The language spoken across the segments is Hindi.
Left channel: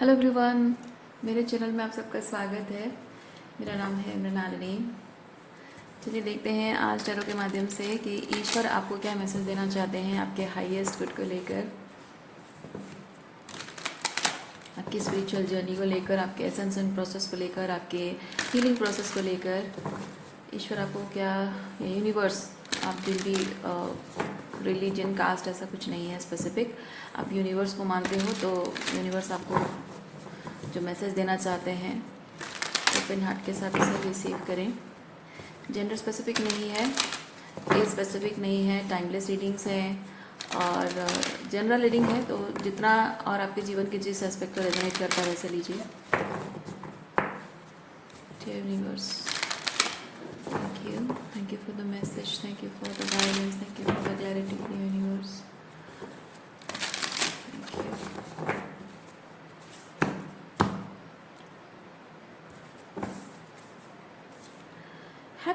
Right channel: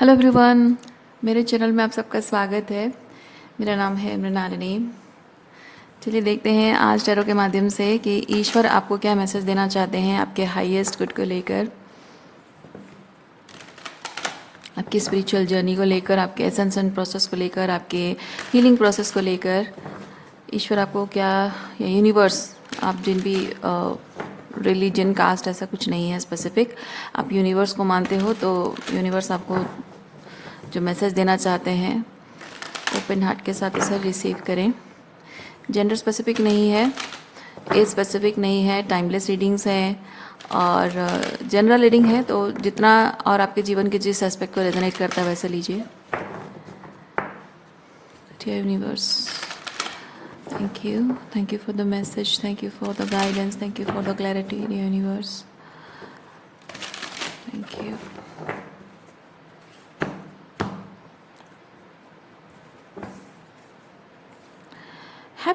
हेलो एवरीवन, मेरे चैनल में आप सबका स्वागत है। मेरा नाम है मृणालिनी। चलिए देखते हैं आज टैरो के माध्यम से कि ईश्वर आपको क्या मैसेज देना चाहते हैं आपके हाईएस्ट गुड को लेकर, आपकी स्पिरिचुअल जर्नी को लेकर, आपके एसेंशन प्रोसेस को लेकर, आपके हीलिंग प्रोसेस को लेकर। ईश्वर आपको क्या, या यूनिवर्स, आप जिन भी रिलीजन कास्ट ऐसा कुछ नहीं है स्पेसिफिक, आप यूनिवर्स को मानते हो तो यूनिवर्स आपको जो मैसेज देना चाहते हैं ओपन हार्ट के साथ उसे रिसीव करें। जेंडर स्पेसिफिक नहीं है, एज स्पेसिफिक नहीं है, टाइमलेस रीडिंग्स हैं और जनरल रीडिंग है, तो जितना और आपके जीवन के जिस एस्पेक्ट को रेजोनेट करता है वैसे लीजिए। Dear universe, thank you for the message, thank you for the guidance, thank you for the clarity. Dear universe, thank you.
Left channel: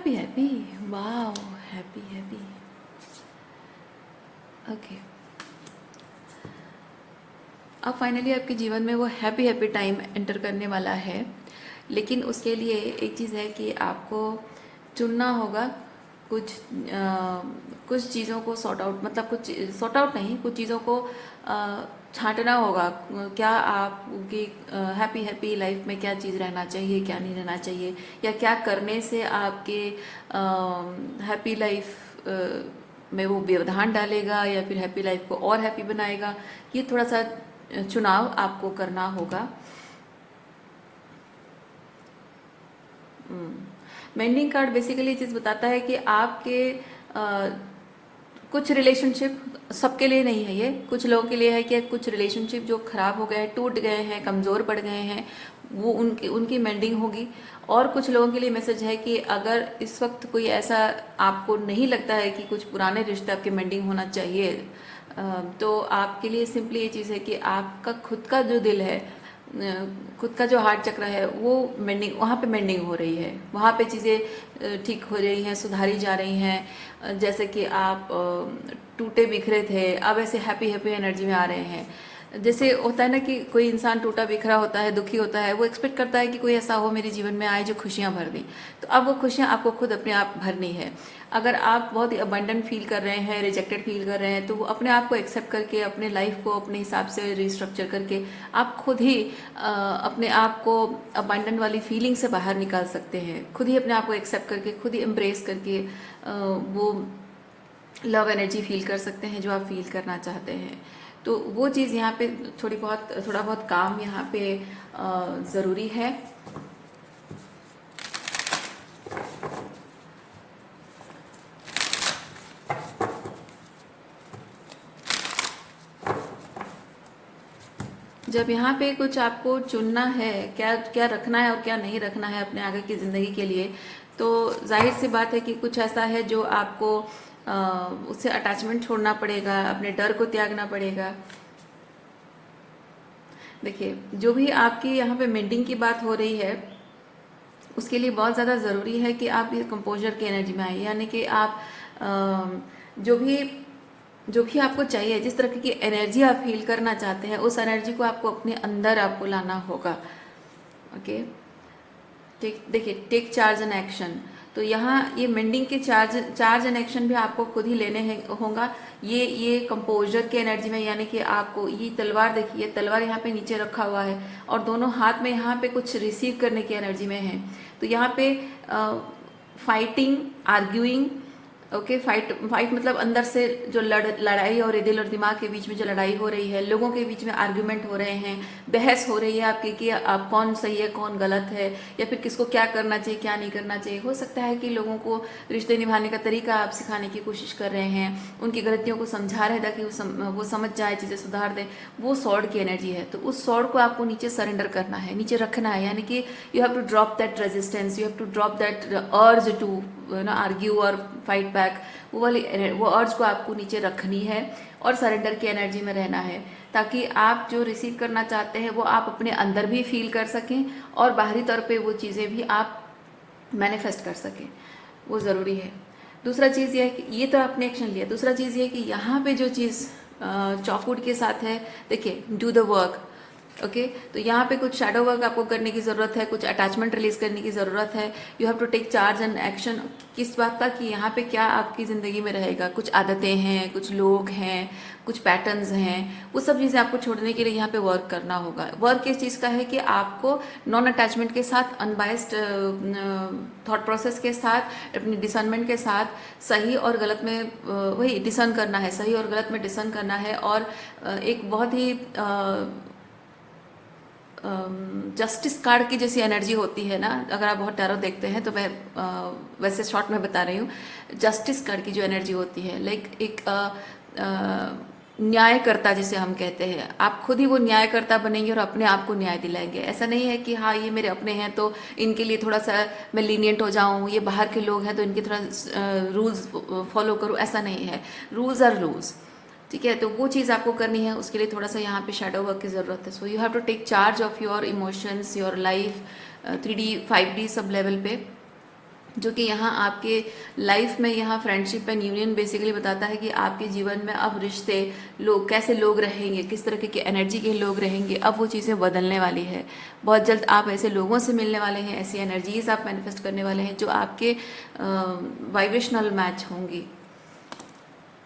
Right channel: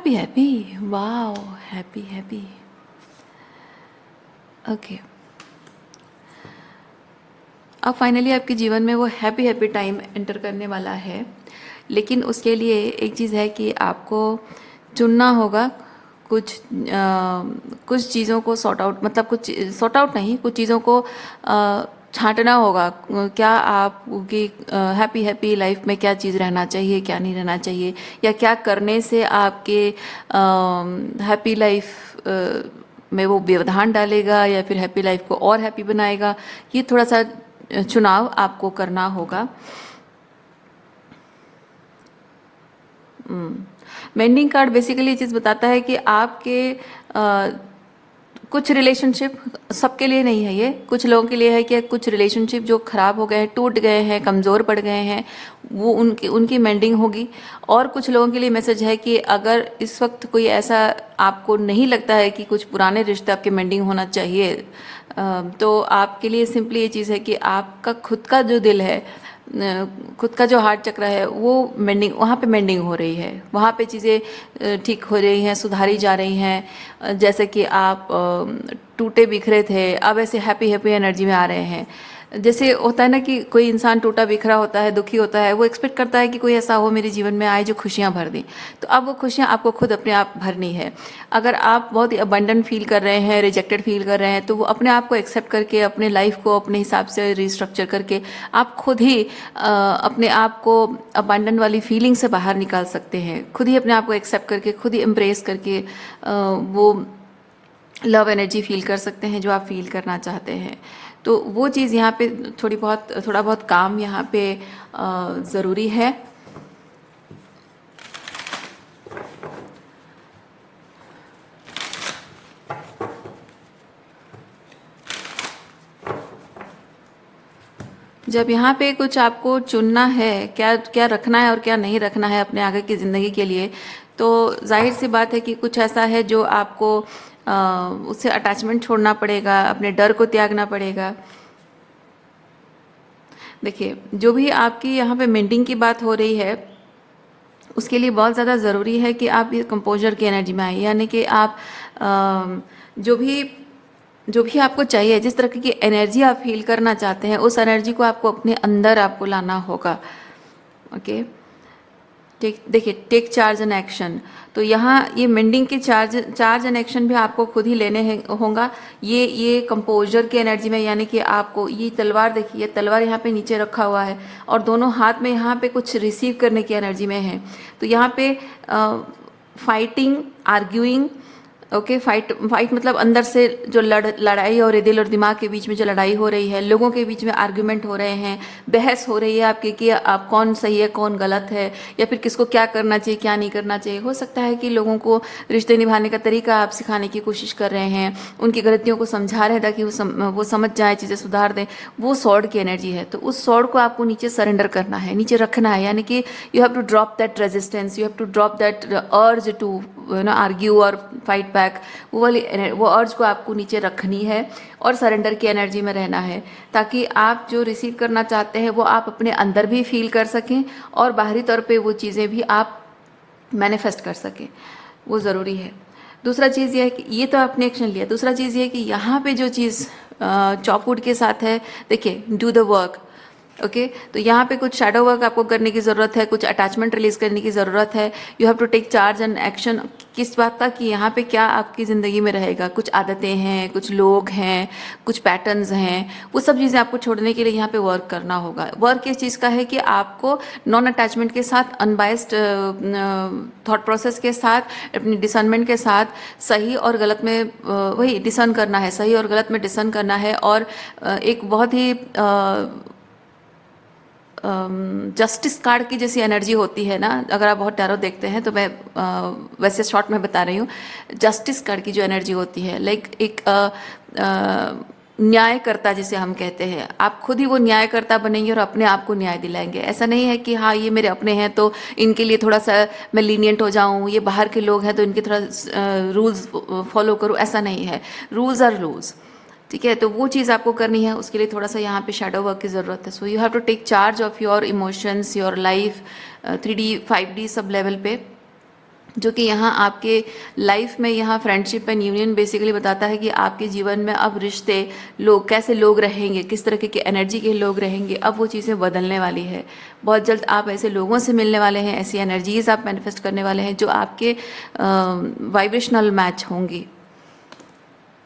Happy, wow, happy. Okay, अब फाइनली आपके जीवन में वो हैप्पी टाइम एंटर करने वाला है। लेकिन उसके लिए एक चीज़ है कि आपको चुनना होगा कुछ चीज़ों को सॉर्ट आउट, मतलब कुछ सॉर्ट आउट नहीं, कुछ चीज़ों को छांटना होगा। क्या आपकी हैप्पी लाइफ में क्या चीज़ रहना चाहिए, क्या नहीं रहना चाहिए, या क्या करने से आपके हैप्पी लाइफ में वो व्यवधान डालेगा या फिर हैप्पी लाइफ को और हैप्पी बनाएगा। ये थोड़ा सा चुनाव आपको करना होगा। मेंडिंग कार्ड बेसिकली ये चीज़ बताता है कि आपके कुछ रिलेशनशिप, सबके लिए नहीं है ये, कुछ लोगों के लिए है कि कुछ रिलेशनशिप जो खराब हो गए हैं, टूट गए हैं, कमज़ोर पड़ गए हैं, वो उनकी मेंडिंग होगी। और कुछ लोगों के लिए मैसेज है कि अगर इस वक्त कोई ऐसा आपको नहीं लगता है कि कुछ पुराने रिश्ते आपके मेंडिंग होना चाहिए, तो आपके लिए सिंपली ये चीज़ है कि आपका खुद का जो दिल है, खुद का जो हार्ट चक्र है, वो मेंडिंग, वहाँ पे मेंडिंग हो रही है, वहाँ पे चीज़ें ठीक हो रही हैं, सुधारी जा रही हैं। जैसे कि आप टूटे बिखरे थे, अब ऐसे हैप्पी एनर्जी में आ रहे हैं। जैसे होता है ना कि कोई इंसान टूटा बिखरा होता है, दुखी होता है, वो एक्सपेक्ट करता है कि कोई ऐसा हो मेरे जीवन में आए जो खुशियाँ भर दे। तो अब वो खुशियाँ आपको खुद अपने आप भरनी है। अगर आप बहुत ही अबंडेंट फील कर रहे हैं, रिजेक्टेड फील कर रहे हैं, तो वो अपने आप को एक्सेप्ट करके, अपने लाइफ को अपने हिसाब से रिस्ट्रक्चर करके आप खुद ही अपने आप को अबंडेंट वाली फीलिंग से बाहर निकाल सकते हैं। खुद ही अपने आप को एक्सेप्ट करके, खुद ही एम्ब्रेस करके वो लव एनर्जी फील कर सकते हैं जो आप फील करना चाहते हैं। तो वो चीज़ यहाँ पे थोड़ा बहुत काम यहाँ पे ज़रूरी है। जब यहाँ पे कुछ आपको चुनना है, क्या क्या रखना है और क्या नहीं रखना है अपने आगे की ज़िंदगी के लिए, तो जाहिर सी बात है कि कुछ ऐसा है जो आपको उससे अटैचमेंट छोड़ना पड़ेगा, अपने डर को त्यागना पड़ेगा। देखिए, जो भी आपकी यहाँ पे मेंटिंग की बात हो रही है, उसके लिए बहुत ज़्यादा ज़रूरी है कि आप ये कंपोजर की एनर्जी में आए, यानी कि आप जो भी जो भी आपको चाहिए, जिस तरह की एनर्जी आप फील करना चाहते हैं, उस एनर्जी को आपको अपने अंदर आपको लाना होगा। ओके, देखिए, टेक चार्ज एंड एक्शन। तो यहाँ ये मेंडिंग के चार्ज एंड एक्शन भी आपको खुद ही लेने होगा। ये कंपोजर की एनर्जी में, यानी कि आपको ये तलवार, देखिए तलवार यहाँ पे नीचे रखा हुआ है और दोनों हाथ में यहाँ पे कुछ रिसीव करने की एनर्जी में है। तो यहाँ पे फाइटिंग, आर्ग्यूइंग, ओके, फाइट मतलब अंदर से जो लड़ाई और दिल और दिमाग के बीच में जो लड़ाई हो रही है, लोगों के बीच में आर्ग्यूमेंट हो रहे हैं, बहस हो रही है आपकी कि आप कौन सही है कौन गलत है, या फिर किसको क्या करना चाहिए क्या नहीं करना चाहिए। हो सकता है कि लोगों को रिश्ते निभाने का तरीका आप सिखाने की कोशिश कर रहे हैं, उनकी गलतियों को समझा रहे हैं ताकि वो समझ जाए, चीज़ें सुधार दें। वो सॉर्ड की एनर्जी है, तो उस सॉर्ड को आपको नीचे सरेंडर करना है, नीचे रखना है, यानी कि you have to drop that resistance, you have to drop that urge to argue और फाइट बैक। वो अर्ज को आपको नीचे रखनी है और सरेंडर की एनर्जी में रहना है, ताकि आप जो रिसीव करना चाहते हैं वो आप अपने अंदर भी फील कर सकें और बाहरी तौर पे वो चीज़ें भी आप मैनिफेस्ट कर सकें। वो ज़रूरी है। दूसरा चीज़ ये है कि ये तो आपने एक्शन लिया, दूसरा चीज़ ये है कि यहाँ पे जो चीज़ चॉपवुड के साथ है, देखिए, डू द वर्क। ओके तो यहाँ पे कुछ शैडो वर्क आपको करने की ज़रूरत है, कुछ अटैचमेंट रिलीज करने की ज़रूरत है। You have to take charge and action. किस बात का कि यहाँ पे क्या आपकी ज़िंदगी में रहेगा, कुछ आदतें हैं, कुछ लोग हैं, कुछ पैटर्न्स हैं, वो सब चीज़ें आपको छोड़ने के लिए यहाँ पे वर्क करना होगा। वर्क इस चीज़ का है कि आपको नॉन अटैचमेंट के साथ, अनबायस्ड थॉट प्रोसेस के साथ, अपनी डिसर्नमेंट के साथ सही और गलत में वही डिसर्न करना है, सही और गलत में डिसर्न करना है। और एक बहुत ही जस्टिस कार्ड की जैसी एनर्जी होती है ना, अगर आप बहुत टैरो देखते हैं तो मैं वैसे शॉर्ट में बता रही हूँ। जस्टिस कार्ड की जो एनर्जी होती है, लाइक एक न्यायकर्ता जिसे हम कहते हैं, आप खुद ही वो न्यायकर्ता बनेंगे और अपने आप को न्याय दिलाएंगे। ऐसा नहीं है कि हाँ ये मेरे अपने हैं तो इनके लिए थोड़ा सा मैं लीनियंट हो जाऊं, ये बाहर के लोग हैं तो इनके थोड़ा रूल्स फॉलो करूं, ऐसा नहीं है। रूल्स आर रूल्स, ठीक है। तो वो चीज़ आपको करनी है, उसके लिए थोड़ा सा यहाँ पे शैडो वर्क की ज़रूरत है। So you have to take charge of your emotions, your life, 3D 5D sub level पे, जो कि यहाँ आपके लाइफ में, यहाँ फ्रेंडशिप एंड यूनियन बेसिकली बताता है कि आपके जीवन में अब रिश्ते, लोग, कैसे लोग रहेंगे, किस तरह की एनर्जी के लोग रहेंगे, अब वो चीज़ें बदलने वाली है। बहुत जल्द आप ऐसे लोगों से मिलने वाले हैं, ऐसी एनर्जीज आप मैनिफेस्ट करने वाले हैं जो आपके वाइब्रेशनल मैच होंगी।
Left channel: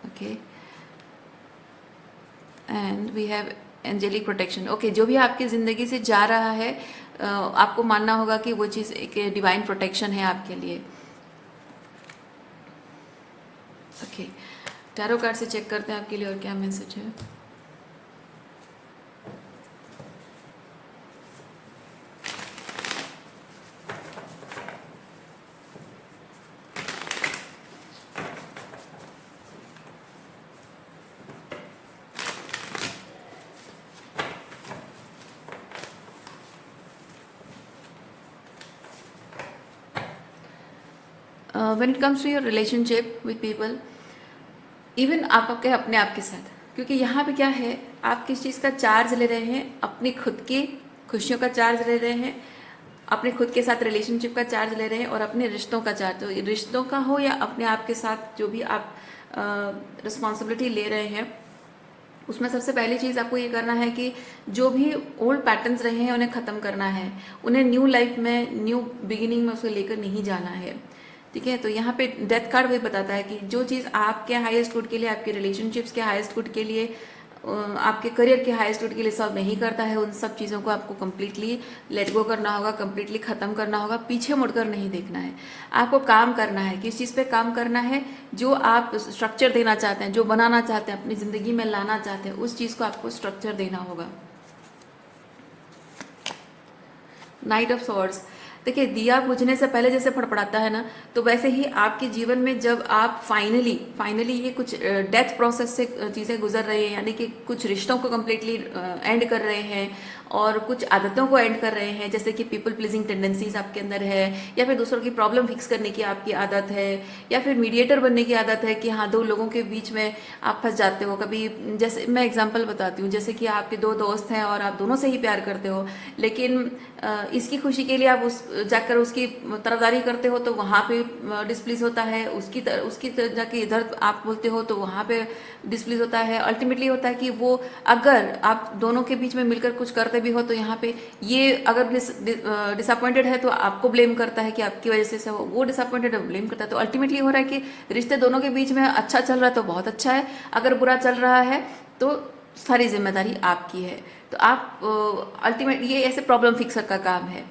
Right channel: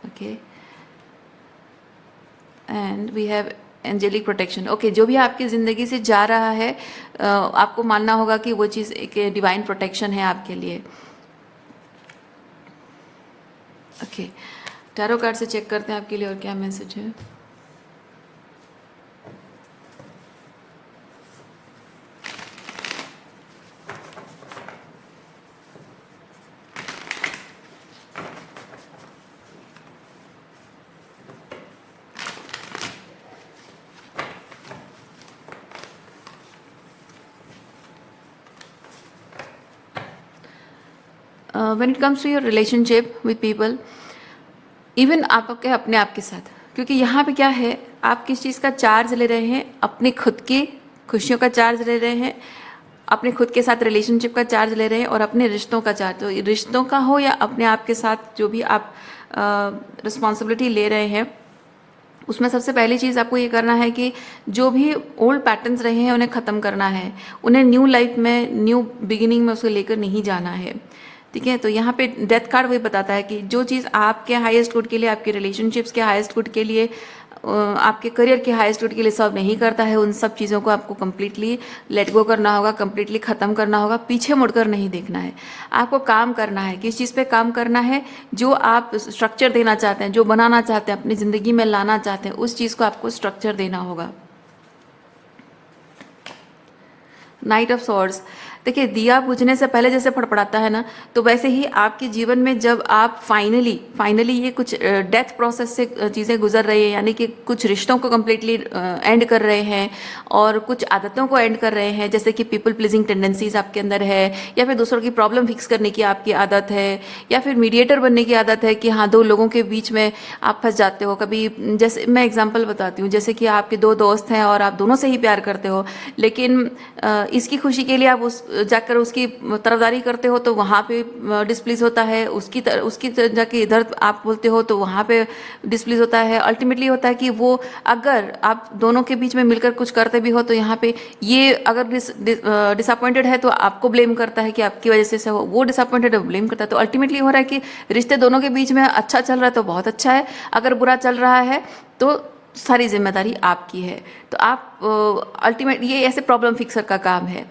Okay and we have angelic protection. Okay जो भी आपकी ज़िंदगी से जा रहा है, आपको मानना होगा कि वो चीज़ एक डिवाइन प्रोटेक्शन है आपके लिए। ओके टैरो कार्ड से चेक करते हैं आपके लिए और क्या मैसेज है। When it comes to your relationship with people, even आपके अपने आप के साथ, क्योंकि यहाँ पे क्या है, आप किस चीज़ का चार्ज ले रहे हैं, अपनी खुद की खुशियों का चार्ज ले रहे हैं, अपने खुद के साथ रिलेशनशिप का चार्ज ले रहे हैं, और अपने रिश्तों का चार्ज, तो रिश्तों का हो या अपने आप के साथ जो भी आप रिस्पॉन्सिबिलिटी ले रहे हैं, उसमें सबसे पहली चीज़ आपको ये करना है कि जो भी ओल्ड पैटर्न्स रहे हैं उन्हें ख़त्म करना है, उन्हें न्यू लाइफ में, न्यू बिगिनिंग में उसको लेकर नहीं जाना है। ठीक है, तो यहाँ पे डेथ कार्ड वही बताता है कि जो चीज़ आपके हाईएस्ट गुड के लिए, आपके रिलेशनशिप्स के हाईएस्ट गुड के लिए, आपके करियर के हाईएस्ट गुड के लिए सर्व नहीं करता है, उन सब चीज़ों को आपको कंप्लीटली लेट गो करना होगा, कंप्लीटली ख़त्म करना होगा। पीछे मुड़कर नहीं देखना है, आपको काम करना है। किस चीज़ पे काम करना है? जो आप स्ट्रक्चर देना चाहते हैं, जो बनाना चाहते हैं, अपनी ज़िंदगी में लाना चाहते हैं, उस चीज़ को आपको स्ट्रक्चर देना होगा। नाइट ऑफ सॉर्ड्स, देखिए दिया बुझने से पहले जैसे फड़फड़ाता है ना, तो वैसे ही आपके जीवन में जब आप फाइनली ये कुछ डेथ प्रोसेस से चीज़ें गुजर रही है, यानी कि कुछ रिश्तों को कम्प्लीटली एंड कर रहे हैं और कुछ आदतों को एंड कर रहे हैं, जैसे कि पीपल प्लीजिंग टेंडेंसीज आपके अंदर है, या फिर दूसरों की प्रॉब्लम फिक्स करने की आपकी आदत है, या फिर मीडिएटर बनने की आदत है कि हाँ दो लोगों के बीच में आप फंस जाते हो कभी। जैसे मैं एग्जाम्पल बताती हूँ, जैसे कि आपके दो दोस्त हैं और आप दोनों से ही प्यार करते हो, लेकिन इसकी खुशी के लिए आप जाकर उसकी तरफदारी करते हो तो वहाँ पे डिस्प्लीज होता है, उसकी जाके इधर आप बोलते हो तो वहाँ पे डिस्प्लीज होता है। अल्टीमेटली होता है कि वो, अगर आप दोनों के बीच में मिलकर कुछ करते भी हो तो यहाँ पे ये अगर डिसअपॉइंटेड है तो आपको ब्लेम करता है कि आपकी वजह से हो, वो डिसअपॉइंटेड है ब्लेम करता है। तो अल्टीमेटली हो रहा है कि रिश्ते दोनों के बीच में अच्छा चल रहा है तो बहुत अच्छा है, अगर बुरा चल रहा है तो सारी जिम्मेदारी आपकी है। तो आप अल्टीमेट, ये ऐसे प्रॉब्लम फिक्सर का काम है।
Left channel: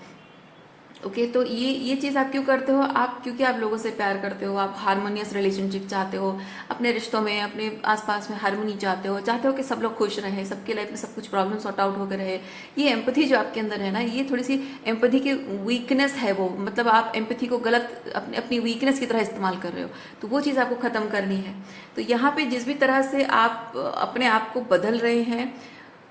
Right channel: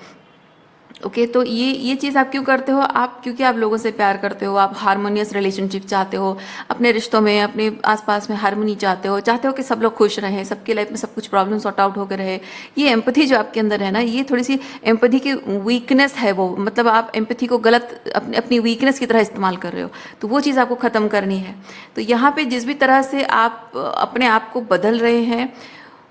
ओके तो ये चीज़ आप क्यों करते हो? आप क्योंकि आप लोगों से प्यार करते हो, आप हारमोनियस रिलेशनशिप चाहते हो, अपने रिश्तों में, अपने आसपास में हारमोनी चाहते हो कि सब लोग खुश रहें, सबके लाइफ में सब कुछ प्रॉब्लम सॉर्ट आउट होकर रहे। ये एम्पैथी जो आपके अंदर है ना, ये थोड़ी सी एम्पैथी की वीकनेस है वो, मतलब आप एम्पैथी को गलत अपनी वीकनेस की तरह इस्तेमाल कर रहे हो, तो वो चीज़ आपको ख़त्म करनी है। तो यहाँ पे जिस भी तरह से आप अपने आप को बदल रहे हैं,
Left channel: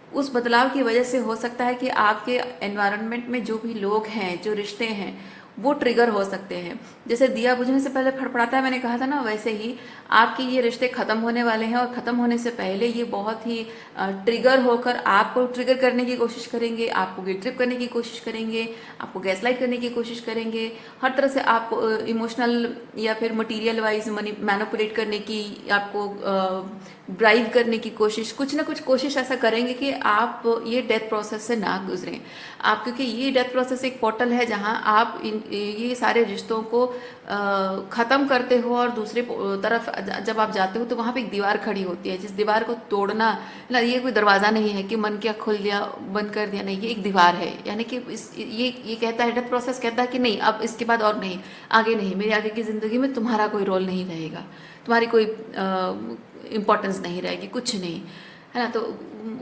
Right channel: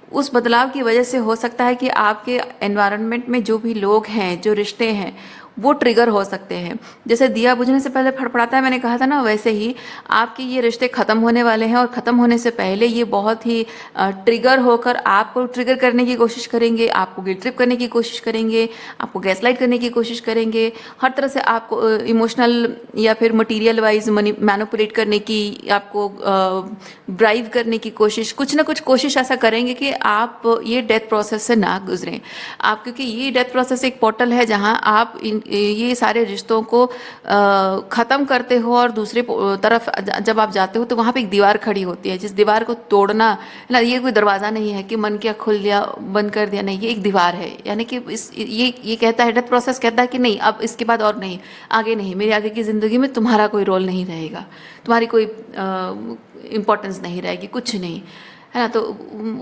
उस बदलाव की वजह से हो सकता है कि आपके एनवायरनमेंट में जो भी लोग हैं, जो रिश्ते हैं, वो ट्रिगर हो सकते हैं। जैसे दिया बुझने से पहले फड़फड़ाता है, मैंने कहा था ना, वैसे ही आपके ये रिश्ते ख़त्म होने वाले हैं, और ख़त्म होने से पहले ये बहुत ही ट्रिगर होकर आपको ट्रिगर करने की कोशिश करेंगे, आपको गिल्ट ट्रिप करने की कोशिश करेंगे, आपको गैसलाइट करने की कोशिश करेंगे, हर तरह से आपको इमोशनल या फिर मटीरियल वाइज मैनिपुलेट करने की, आपको ड्राइव करने की कोशिश, कुछ ना कुछ कोशिश ऐसा करेंगे कि आप ये डेथ प्रोसेस से ना गुजरें आप, क्योंकि ये डेथ प्रोसेस एक पोर्टल है जहां आप ये सारे रिश्तों को ख़त्म करते हो, और दूसरे तरफ जब आप जाते हो तो वहाँ पे एक दीवार खड़ी होती है, जिस दीवार को तोड़ना ना, ये कोई दरवाज़ा नहीं है कि मन क्या खुल दिया बंद कर दिया, नहीं, ये एक दीवार है। यानी कि ये कहता है, डेथ प्रोसेस कहता है कि नहीं, अब इसके बाद और नहीं, आगे नहीं, मेरी आगे की ज़िंदगी में तुम्हारा कोई रोल नहीं रहेगा, तुम्हारी कोई इम्पोर्टेंस नहीं रहेगी, कुछ नहीं, है ना। तो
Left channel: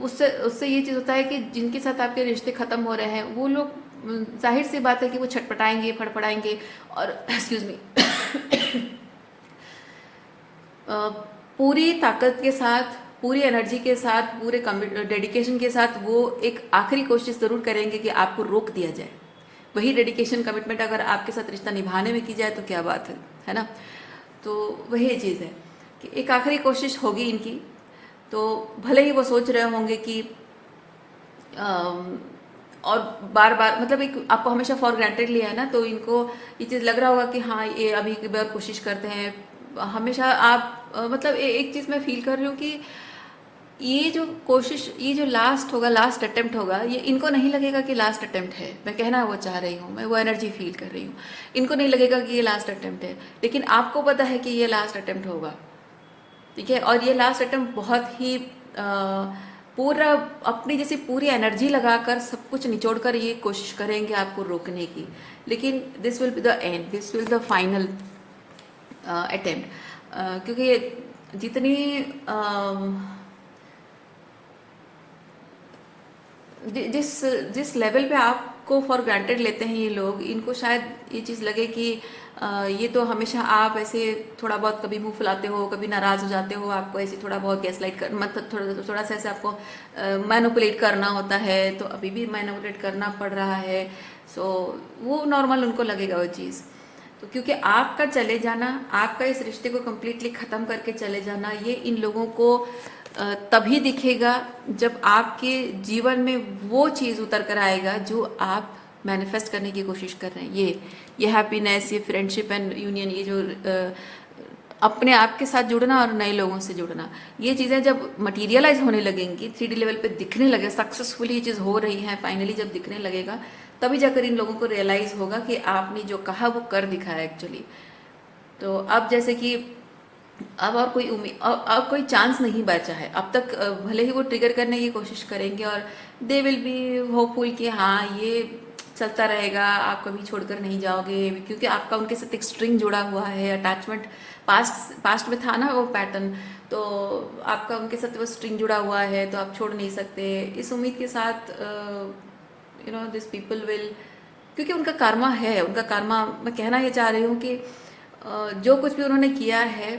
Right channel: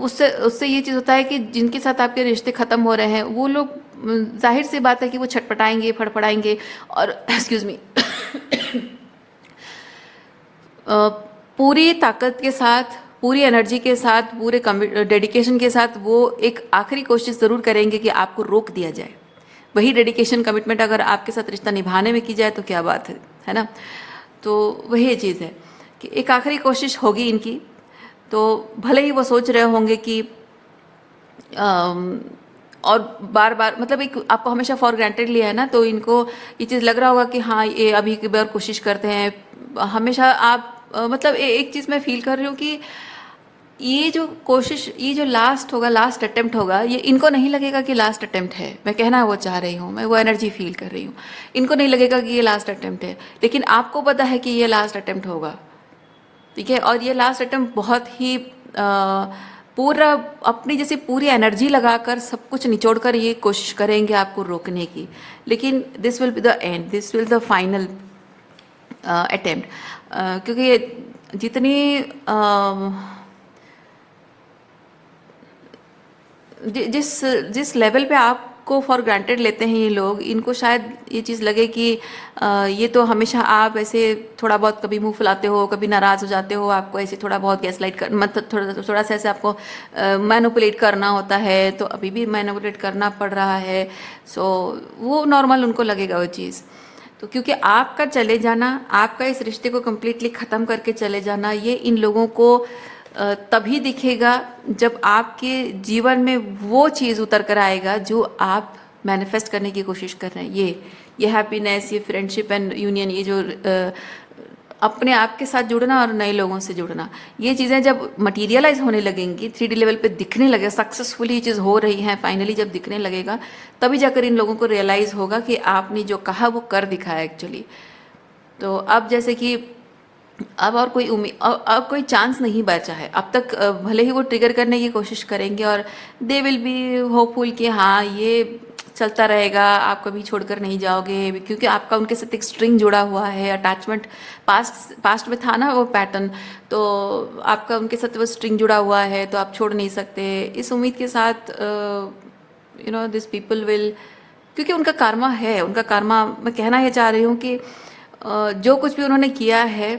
उससे उससे ये चीज़ होता है कि जिनके साथ आपके रिश्ते ख़त्म हो रहे हैं वो लोग, जाहिर सी बात है कि वो छटपटाएंगे, फड़फड़ाएंगे, और एक्सक्यूज़ मी, पूरी ताकत के साथ, पूरी एनर्जी के साथ, पूरे डेडिकेशन के साथ वो एक आखिरी कोशिश ज़रूर करेंगे कि आपको रोक दिया जाए। वही डेडिकेशन, कमिटमेंट अगर आपके साथ रिश्ता निभाने में की जाए तो क्या बात है ना। तो वही चीज़ है कि एक आखिरी कोशिश होगी इनकी। तो भले ही वो सोच रहे होंगे कि और बार बार, मतलब एक आपको हमेशा फॉर ग्रांटेड लिया है ना, तो इनको ये चीज़ लग रहा होगा कि हाँ ये अभी की बार कोशिश करते हैं। हमेशा आप मतलब एक चीज़ मैं फील कर रही हूँ कि ये जो कोशिश, ये जो लास्ट होगा, लास्ट अटेम्प्ट होगा, ये इनको नहीं लगेगा कि लास्ट अटेम्प्ट है। मैं कहना वो चाह रही हूँ, मैं वो एनर्जी फील कर रही हूँ। इनको नहीं लगेगा कि ये लास्ट अटेम्प्ट है, लेकिन आपको पता है कि ये लास्ट अटेम्प्ट होगा, ठीक है। और ये लास्ट अटेम्प्ट बहुत ही पूरा अपनी जैसी पूरी एनर्जी लगाकर सब कुछ निचोड़ कर ये कोशिश करेंगे आपको रोकने की, लेकिन this will be the end, this will the final attempt. क्योंकि ये जितनी जिस जिस लेवल पे आपको फॉर ग्रांटेड लेते हैं ये लोग, इनको शायद ये चीज़ लगे कि ये तो हमेशा आप ऐसे थोड़ा बहुत कभी मुंह फुलाते हो, कभी नाराज़ हो जाते हो, आपको ऐसे थोड़ा बहुत गैसलाइट कर, मतलब थोड़ा सा ऐसे आपको मैनिपुलेट करना होता है, तो अभी भी मैनिपुलेट करना पड़ रहा है। सो वो नॉर्मल उनको लगेगा वो चीज़। तो क्योंकि आपका चले जाना, आपका इस रिश्ते को कम्प्लीटली ख़त्म करके चले जाना, ये इन लोगों को तभी दिखेगा जब आपके जीवन में वो चीज़ उतर कर आएगा जो आप मैनिफेस्ट करने की कोशिश कर रहे हैं। ये हैप्पीनेस, ये फ्रेंडशिप एंड यूनियन, ये जो अपने आप के साथ जुड़ना और नए लोगों से जुड़ना, ये चीज़ें जब मटीरियलाइज होने लगेंगी, 3D लेवल पे दिखने लगे, सक्सेसफुली ये चीज़ हो रही है, फाइनली जब दिखने लगेगा, तभी जाकर इन लोगों को रियलाइज़ होगा कि आपने जो कहा वो कर दिखाया एक्चुअली। तो अब जैसे कि अब और कोई उम्मीद, अब कोई चांस नहीं बचा है अब तक। भले ही वो ट्रिगर करने की कोशिश करेंगे, और दे विल बी होपफुल कि हाँ ये चलता रहेगा, आप कभी छोड़कर नहीं जाओगे, क्योंकि आपका उनके साथ एक स्ट्रिंग जुड़ा हुआ है, अटैचमेंट पास्ट में था ना वो पैटर्न, तो आपका उनके साथ वो स्ट्रिंग जुड़ा हुआ है, तो आप छोड़ नहीं सकते। इस उम्मीद के साथ दिस पीपल विल, क्योंकि उनका कर्मा है, उनका कर्मा, मैं कहना ये चाह रही हूँ कि जो कुछ भी उन्होंने किया है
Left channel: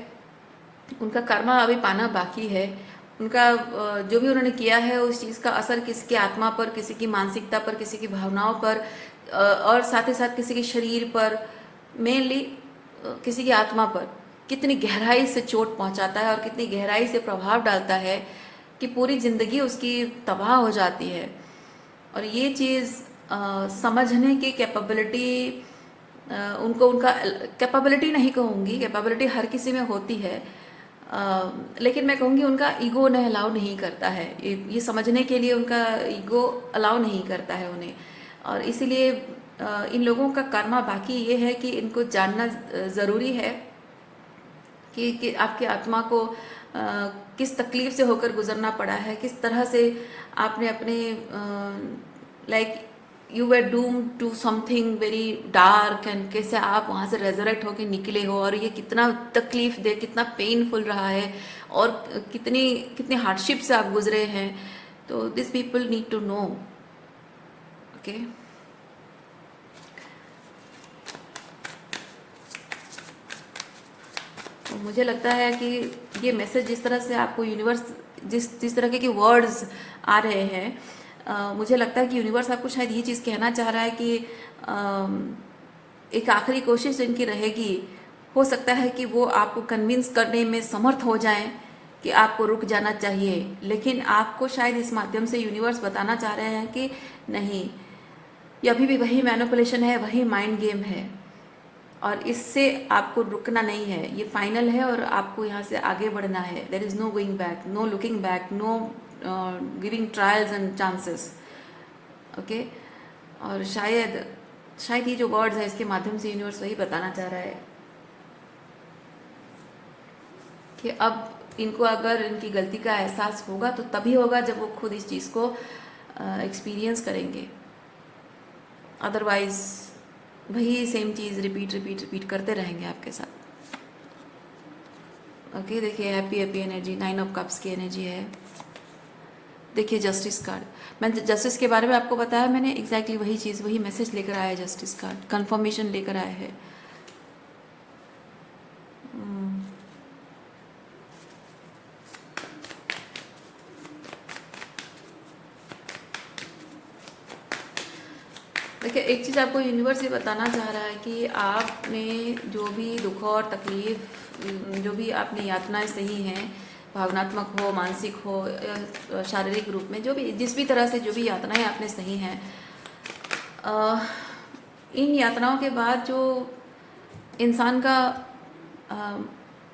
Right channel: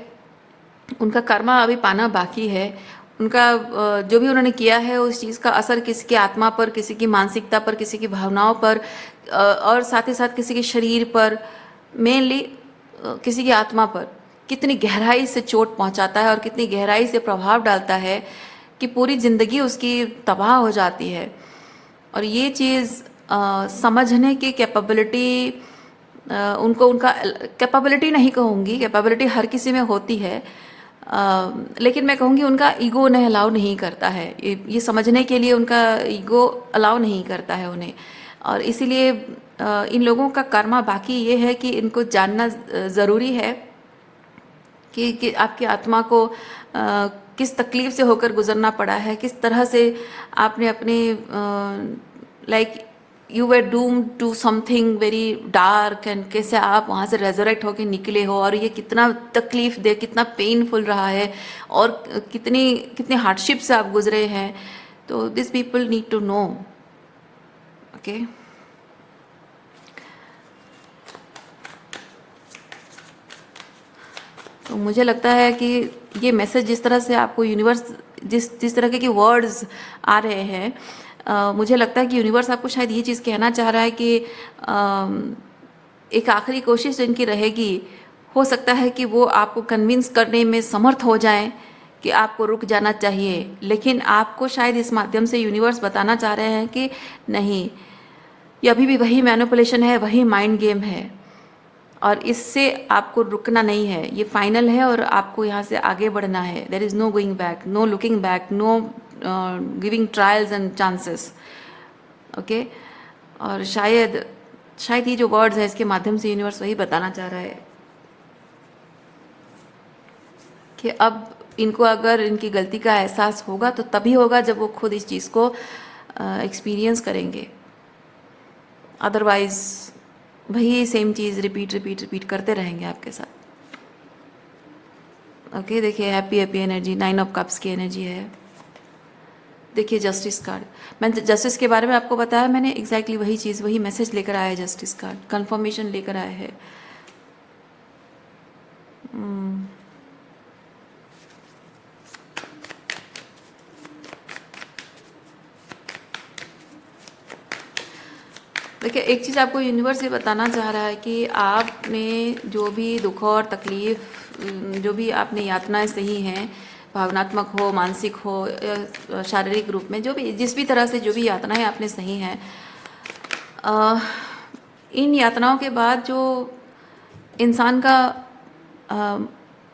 उनका कर्मा अभी पाना बाकी है। उनका जो भी उन्होंने किया है उस चीज़ का असर किसी की आत्मा पर, किसी की मानसिकता पर, किसी की भावनाओं पर, और साथ ही साथ किसी के शरीर पर, मेनली किसी की आत्मा पर कितनी गहराई से चोट पहुंचाता है और कितनी गहराई से प्रभाव डालता है कि पूरी ज़िंदगी उसकी तबाह हो जाती है। और ये चीज़ समझने की कैपेबिलिटी, उनको, उनका कैपेबिलिटी नहीं कहूँगी, कैपेबिलिटी हर किसी में होती है, लेकिन मैं कहूँगी उनका ईगो उन्हें अलाउ नहीं करता है, ये समझने के लिए उनका ईगो अलाउ नहीं करता है उन्हें। और इसीलिए इन लोगों का कर्मा बाकी ये है कि इनको जानना ज़रूरी है कि आपकी आत्मा को किस तकलीफ़ से होकर गुजरना पड़ा है, किस तरह से आपने अपने like you were doom to something very dark, and कैसे आप वहाँ से रेजरेक्ट होकर निकले हो, और ये कितना तकलीफ दे, कितना पेनफुल रहा है, और कितनी कितने हार्डशिप से आप गुजरे हैं। तो this people need to know, okay. तो मुझे लगता है कि ये मैसेज जिस तरह से आपको यूनिवर्स, जिस तरह के वर्ड्स आ रहे हैं, मुझे लगता है कि यूनिवर्स आपको शायद ये चीज़ कहना चाह रहा है कि एक आखिरी कोशिश इनकी रहेगी, हो सकता है कि वो आपको कन्विंस करने में समर्थ हो जाएं कि आपको रुक जाना चाहिए, लेकिन आपको शायद इस माध्यम से यूनिवर्स बताना चाह रहे हैं कि नहीं, ये अभी भी वही मैनिपुलेशन है, वही माइंड गेम है, और इससे आपको रुकना नहीं है, ये फाइनल है और आपको यहाँ से आगे बढ़ना है। There is no going back, no looking back, no giving trials and chances. Okay, और शायद शायद ये जो वर्ड्स है इसके माध्यम से यूनिवर्स वही बताना चाह रहा है कि अब इनको अगर इनकी गलती का एहसास होगा तो तभी होगा जब वो खुद इस चीज़ को एक्सपीरियंस करेंगे। अदरवाइज वही सेम चीज़ रिपीट रिपीट रिपीट करते रहेंगे आपके साथ। ओके, देखिए happy happy energy, 9 of cups की एनर्जी है। देखिए जस्टिस कार्ड, मैंने जस्टिस के बारे में आपको बताया, मैंने एग्जैक्टली वही चीज़, वही मैसेज लेकर आया है। जस्टिस कार्ड कंफर्मेशन लेकर आया है। देखिए एक चीज़ आपको यूनिवर्स ये बताना चाह रहा है कि आप में जो भी दुख और तकलीफ, जो भी आपने यातनाएं सही हैं, भावनात्मक हो, मानसिक हो, शारीरिक रूप में, जो भी जिस भी तरह से जो भी यातनाएं आपने सही हैं, इन यातनाओं के बाद जो इंसान का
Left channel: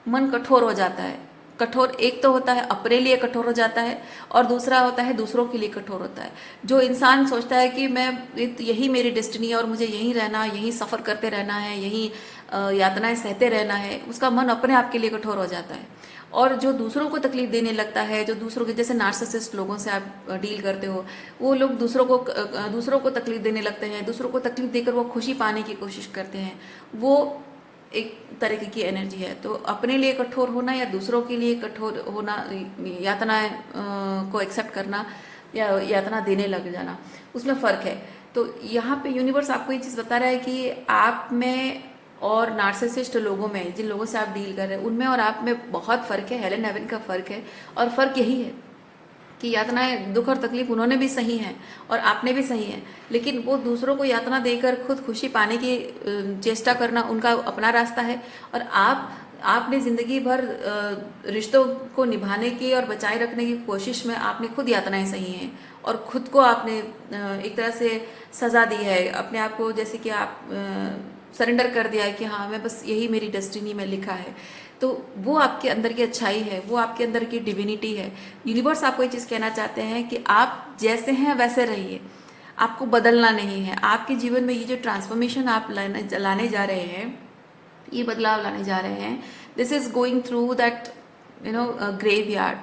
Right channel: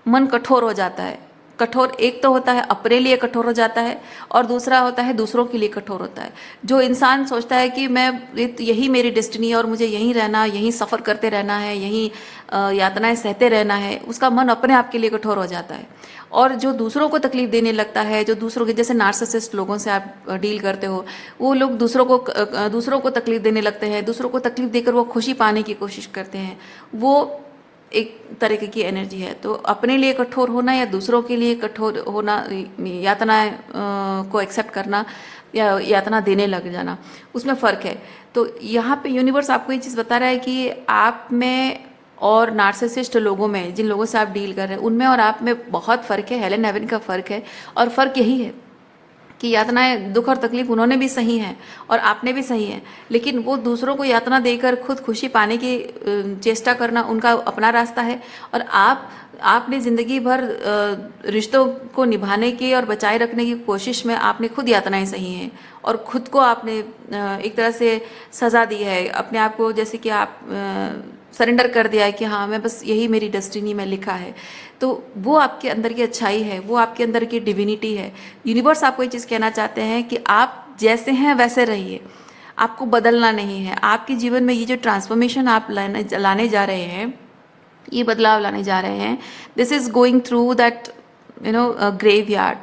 मन कठोर हो जाता है, कठोर एक तो होता है अपने लिए कठोर हो जाता है, और दूसरा होता है दूसरों के लिए कठोर होता है। जो इंसान सोचता है कि मैं यही मेरी डेस्टिनी है और मुझे यहीं रहना, यहीं सफ़र करते रहना है, यहीं यातनाएं सहते रहना है, उसका मन अपने आप के लिए कठोर हो जाता है। और जो दूसरों को तकलीफ देने लगता है, जो दूसरों के, जैसे नार्सिसिस्ट लोगों से आप डील करते हो, वो लोग दूसरों को तकलीफ देने लगते हैं, दूसरों को तकलीफ देकर वो खुशी पाने की कोशिश करते हैं। वो एक तरीके की एनर्जी है। तो अपने लिए कठोर होना या दूसरों के लिए कठोर होना, यातनाएं को एक्सेप्ट करना या यातना देने लग जाना, उसमें फ़र्क है। तो यहाँ पे यूनिवर्स आपको ये चीज़ बता रहा है कि आप में और नार्सिसिस्ट लोगों में, जिन लोगों से आप डील कर रहे हैं, उनमें और आप में बहुत फ़र्क है, हेलन हेवन का फ़र्क है। और फ़र्क यही है कि यातनाएं, दुख और तकलीफ उन्होंने भी सही हैं और आपने भी सही है, लेकिन वो दूसरों को यातना देकर खुद खुशी पाने की चेष्टा करना उनका अपना रास्ता है। और आपने ज़िंदगी भर रिश्तों को निभाने की और बचाए रखने की कोशिश में आपने खुद यातनाएं सही हैं, और खुद को आपने एक तरह से सज़ा दी है अपने आप को, जैसे कि आप सरेंडर कर दिया है कि हाँ, मैं बस यही मेरी डेस्टिनी में लिखा है। तो वो आपके अंदर की अच्छाई है, वो आपके अंदर की डिविनिटी है। यूनिवर्स आपको ये चीज़ कहना चाहते हैं कि आप जैसे हैं वैसे रहिए, आपको बदलना नहीं है। आपके जीवन में ये जो ट्रांसफॉर्मेशन आप लाने जा रहे हैं, ये बदलाव लाने जा रहे हैं, this is going through that graveyard.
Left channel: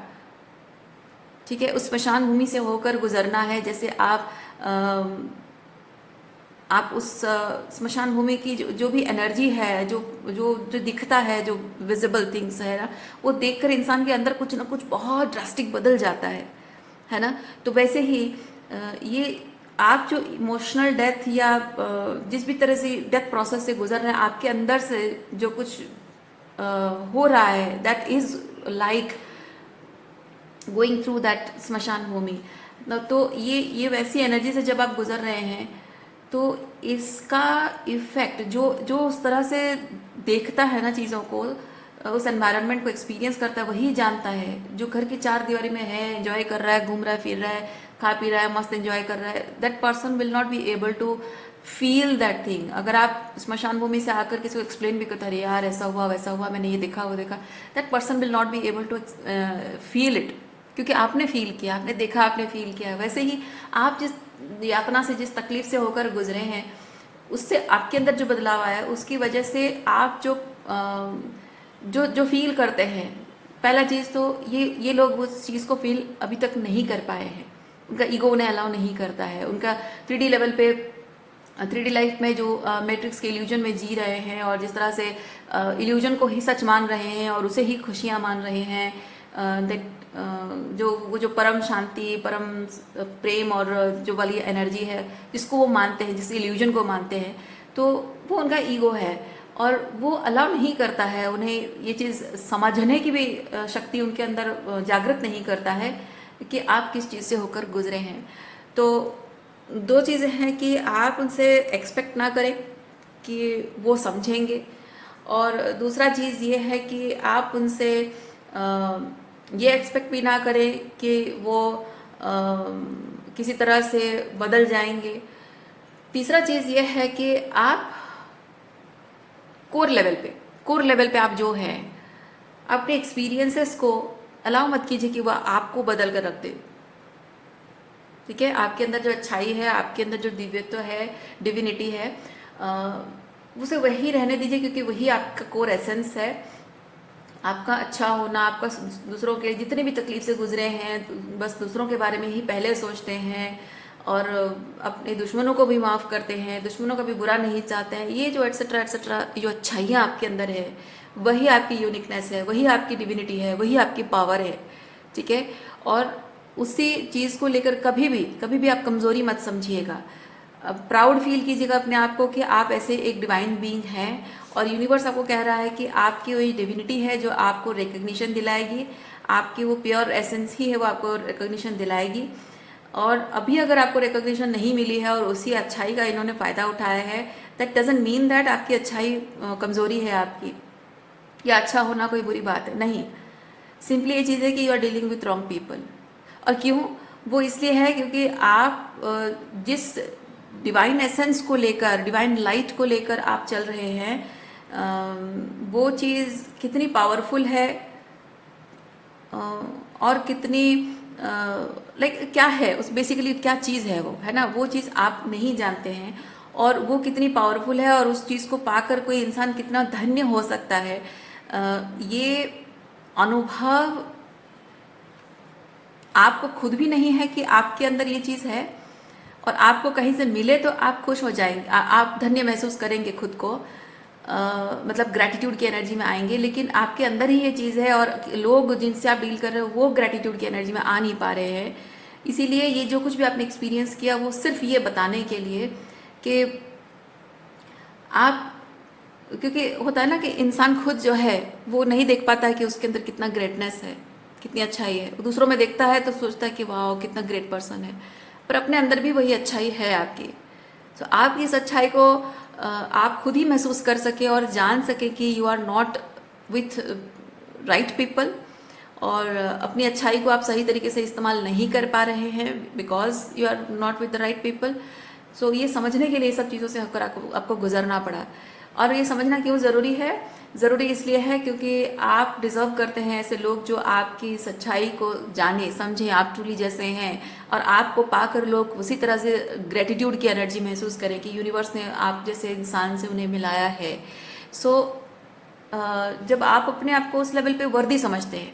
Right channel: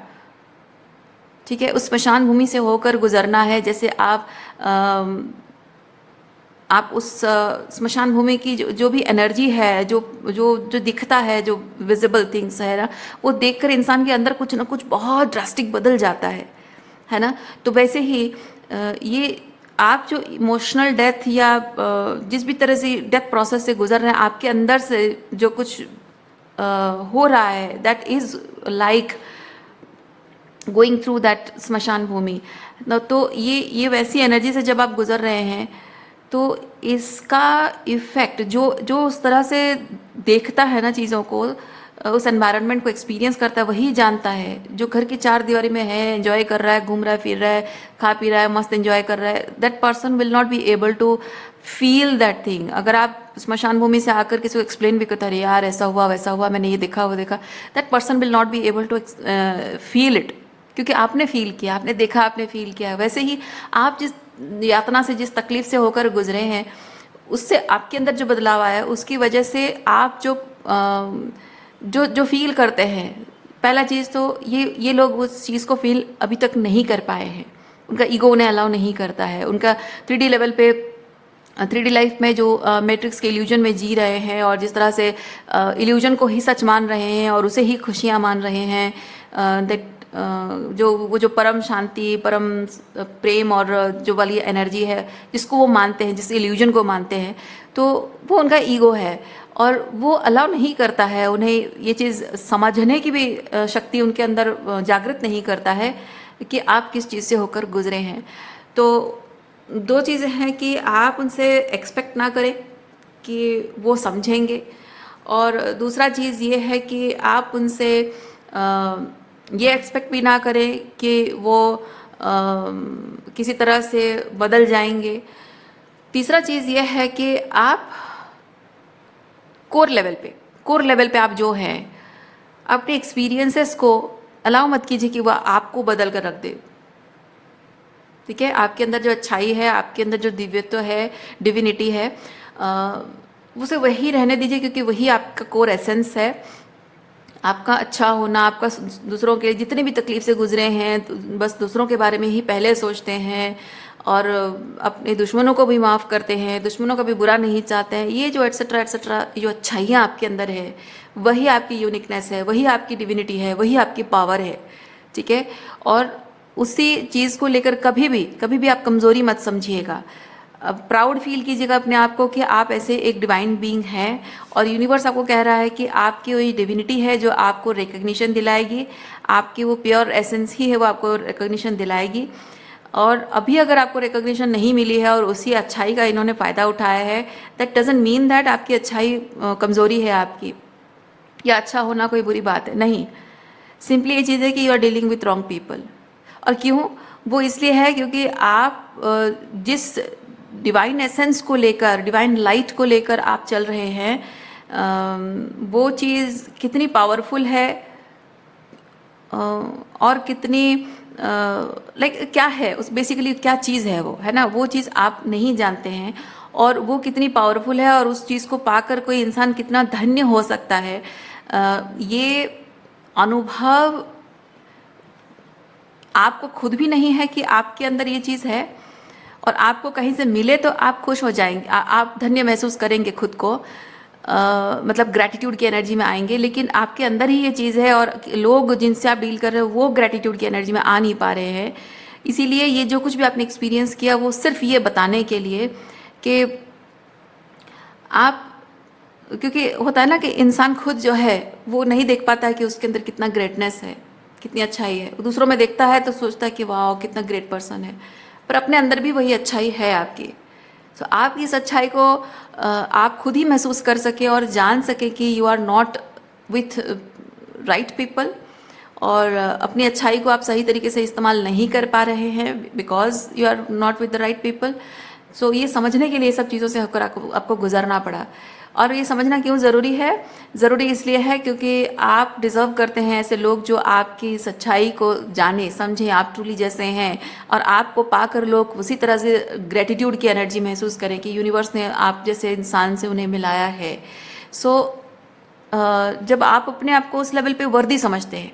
ठीक है, उस स्मशान भूमि से होकर गुजरना है। जैसे आप उस स्मशान भूमि की जो भी एनर्जी है, जो जो जो दिखता है, जो विजिबल थिंग्स है ना, वो देखकर इंसान के अंदर कुछ ना कुछ बहुत ड्रास्टिक बदल जाता है ना। तो वैसे ही ये आप जो इमोशनल डेथ या जिस भी तरह से डेथ प्रोसेस से गुजर रहे हैं, आपके अंदर से जो कुछ हो रहा है, that is like going through that स्मशान भूमि। तो ये वैसी एनर्जी से जब आप गुजर रहे हैं, तो इसका इफ़ेक्ट जो जो उस तरह से देखता है ना चीज़ों को, उस एनवायरनमेंट को एक्सपीरियंस करता है, वही जानता है। जो घर की चार दीवारी में है, एंजॉय कर रहा है, घूम रहा है, फिर रहा है, खा पी रहा है, मस्त एंजॉय कर रहा है, that person will not be able to feel that thing. अगर आप स्मशान भूमि से आकर किसी को एक्सप्लेन भी करते, अरे यार ऐसा हुआ वैसा हुआ, मैंने ये देखा वो देखा, that person will not be able to feel it, क्योंकि आपने फील किया, आपने देखा, आपने फील किया। वैसे ही आप जिस यातना से, जिस तकलीफ से होकर गुजरे हैं, उससे आपके अंदर जो बदलाव आया है, उसकी वजह से आप जो फील करते हैं, पहला चीज़ तो ये लोग उस चीज़ को फील अभी तक नहीं कर पाए हैं, उनका ईगो उन्हें अलाउ नहीं करता है। उनका 3D लेवल पे, 3D लाइफ में जो मैट्रिक्स के इल्यूजन में जी रहे हैं, और जिस तरह से इल्यूजन को ही सच मान रहे हैं और उसे ही खुशियाँ मान रहे हैं, दैट जो परम शांति, परम प्रेम और जो वाली एनर्जी है जिसको वो मानते हैं, जिस इल्यूजन को मानते हैं, तो वो उनका ईगो है और वो अलाउ नहीं करता है, उन्हें ये चीज़ समझने की भी शक्ति उनके अंदर जागृत नहीं करता है कि आप किस चीज़ से होकर गुजरे हैं। तो दो चीज़ें हैं कि आप उनसे एक्सपेक्ट ना करें कि वो समझेंगे। और दूसरा चीज़ ये है कि आप उनसे ये एक्सपेक्ट भी ना करें कि वो किसी तरह से बदल जाएंगे। तीसरा चीज़ ये है कि आप कोर लेवल पे आप जो हैं अपने एक्सपीरियंसेस को अलाउ मत कीजिए कि वह आपको बदल कर रख दे। ठीक है, आपके अंदर जो अच्छाई है, आपके अंदर जो दिव्यत्व है, डिविनिटी है, उसे वही रहने दीजिए, क्योंकि वही आपका कोर एसेंस है। आपका अच्छा होना, आपका दूसरों के जितने भी तकलीफ से गुजरे हैं बस दूसरों के बारे में ही पहले सोचते हैं, और अपने दुश्मनों को भी माफ़ करते हैं, दुश्मनों का भी बुरा नहीं चाहते हैं, ये जो एट्सेट्रा एट्सेट्रा जो अच्छाइयाँ आपके अंदर है, वही आपकी यूनिकनेस है, वही आपकी डिविनिटी है, वही आपकी पावर है। ठीक है, और उसी चीज़ को लेकर कभी भी आप कमज़ोरी मत समझिएगा। प्राउड फील कीजिएगा अपने आप को कि आप ऐसे एक डिवाइन बीइंग हैं, और यूनिवर्स आपको कह रहा है कि आपकी वही डिविनिटी है जो आपको रिकग्निशन दिलाएगी, आपकी वो प्योर एसेंस ही है वो आपको रिकग्निशन दिलाएगी। और अभी अगर आपको रिकग्निशन नहीं मिली है और उसी अच्छाई का इन्होंने फ़ायदा उठाया है, दैट डजंट मीन दैट आपकी अच्छाई कमज़ोरी है आपकी, या अच्छा होना कोई बुरी बात है, नहीं। सिंपली ये चीज़ है कि you are dealing with wrong people. और क्यों? वो इसलिए है क्योंकि आप जिस डिवाइन एसेंस को लेकर, डिवाइन लाइट को लेकर आप चल रहे हैं, वो चीज़ कितनी पावरफुल है, और कितनी लाइक क्या है उस, बेसिकली क्या चीज़ है वो, है ना, वो चीज़ आप नहीं जानते हैं, और वो कितनी पावरफुल है, और उस चीज़ को पाकर कोई इंसान कितना धन्य हो सकता है। ये अनुभव आपको खुद भी नहीं है कि आपके अंदर ये चीज़ है, और आपको कहीं से मिले तो आप खुश हो जाएंगे, आप धन्य महसूस करेंगे खुद को, मतलब ग्रैटिट्यूड की एनर्जी में आएंगे। लेकिन आपके अंदर ही ये चीज़ है, और लोग जिनसे आप डील कर रहे हो वो ग्रैटिट्यूड की एनर्जी में आ नहीं पा रहे हैं। इसीलिए ये जो कुछ भी आपने एक्सपीरियंस किया वो सिर्फ ये बताने के लिए कि आप, क्योंकि होता है ना कि इंसान खुद जो है वो नहीं देख पाता है कि उसके अंदर कितना ग्रेटनेस है, कितनी अच्छाई है। दूसरों में देखता है तो सोचता है कि वाह कितना ग्रेट पर्सन है, पर अपने अंदर भी वही अच्छाई है आपकी। तो आप इस अच्छाई को आप खुद ही महसूस कर सके और जान सके कि you are not with right people, और अपनी अच्छाई को आप सही तरीके से इस्तेमाल नहीं कर पा रहे हैं because you are not with the right people. So ये समझने के लिए सब चीज़ों से होकर आपको गुजरना पड़ा। और ये समझना क्यों ज़रूरी है? ज़रूरी इसलिए है क्योंकि आप डिज़र्व करते हैं ऐसे लोग जो आपकी सच्चाई को जाने समझें, आप ट्रूली जैसे हैं, और आपको पाकर लोग उसी तरह से ग्रेटिट्यूड की एनर्जी महसूस करें कि यूनिवर्स ने आप जैसे इंसान से उन्हें मिलाया है। सो जब आप अपने आप को उस लेवल पे वर्दी समझते हैं,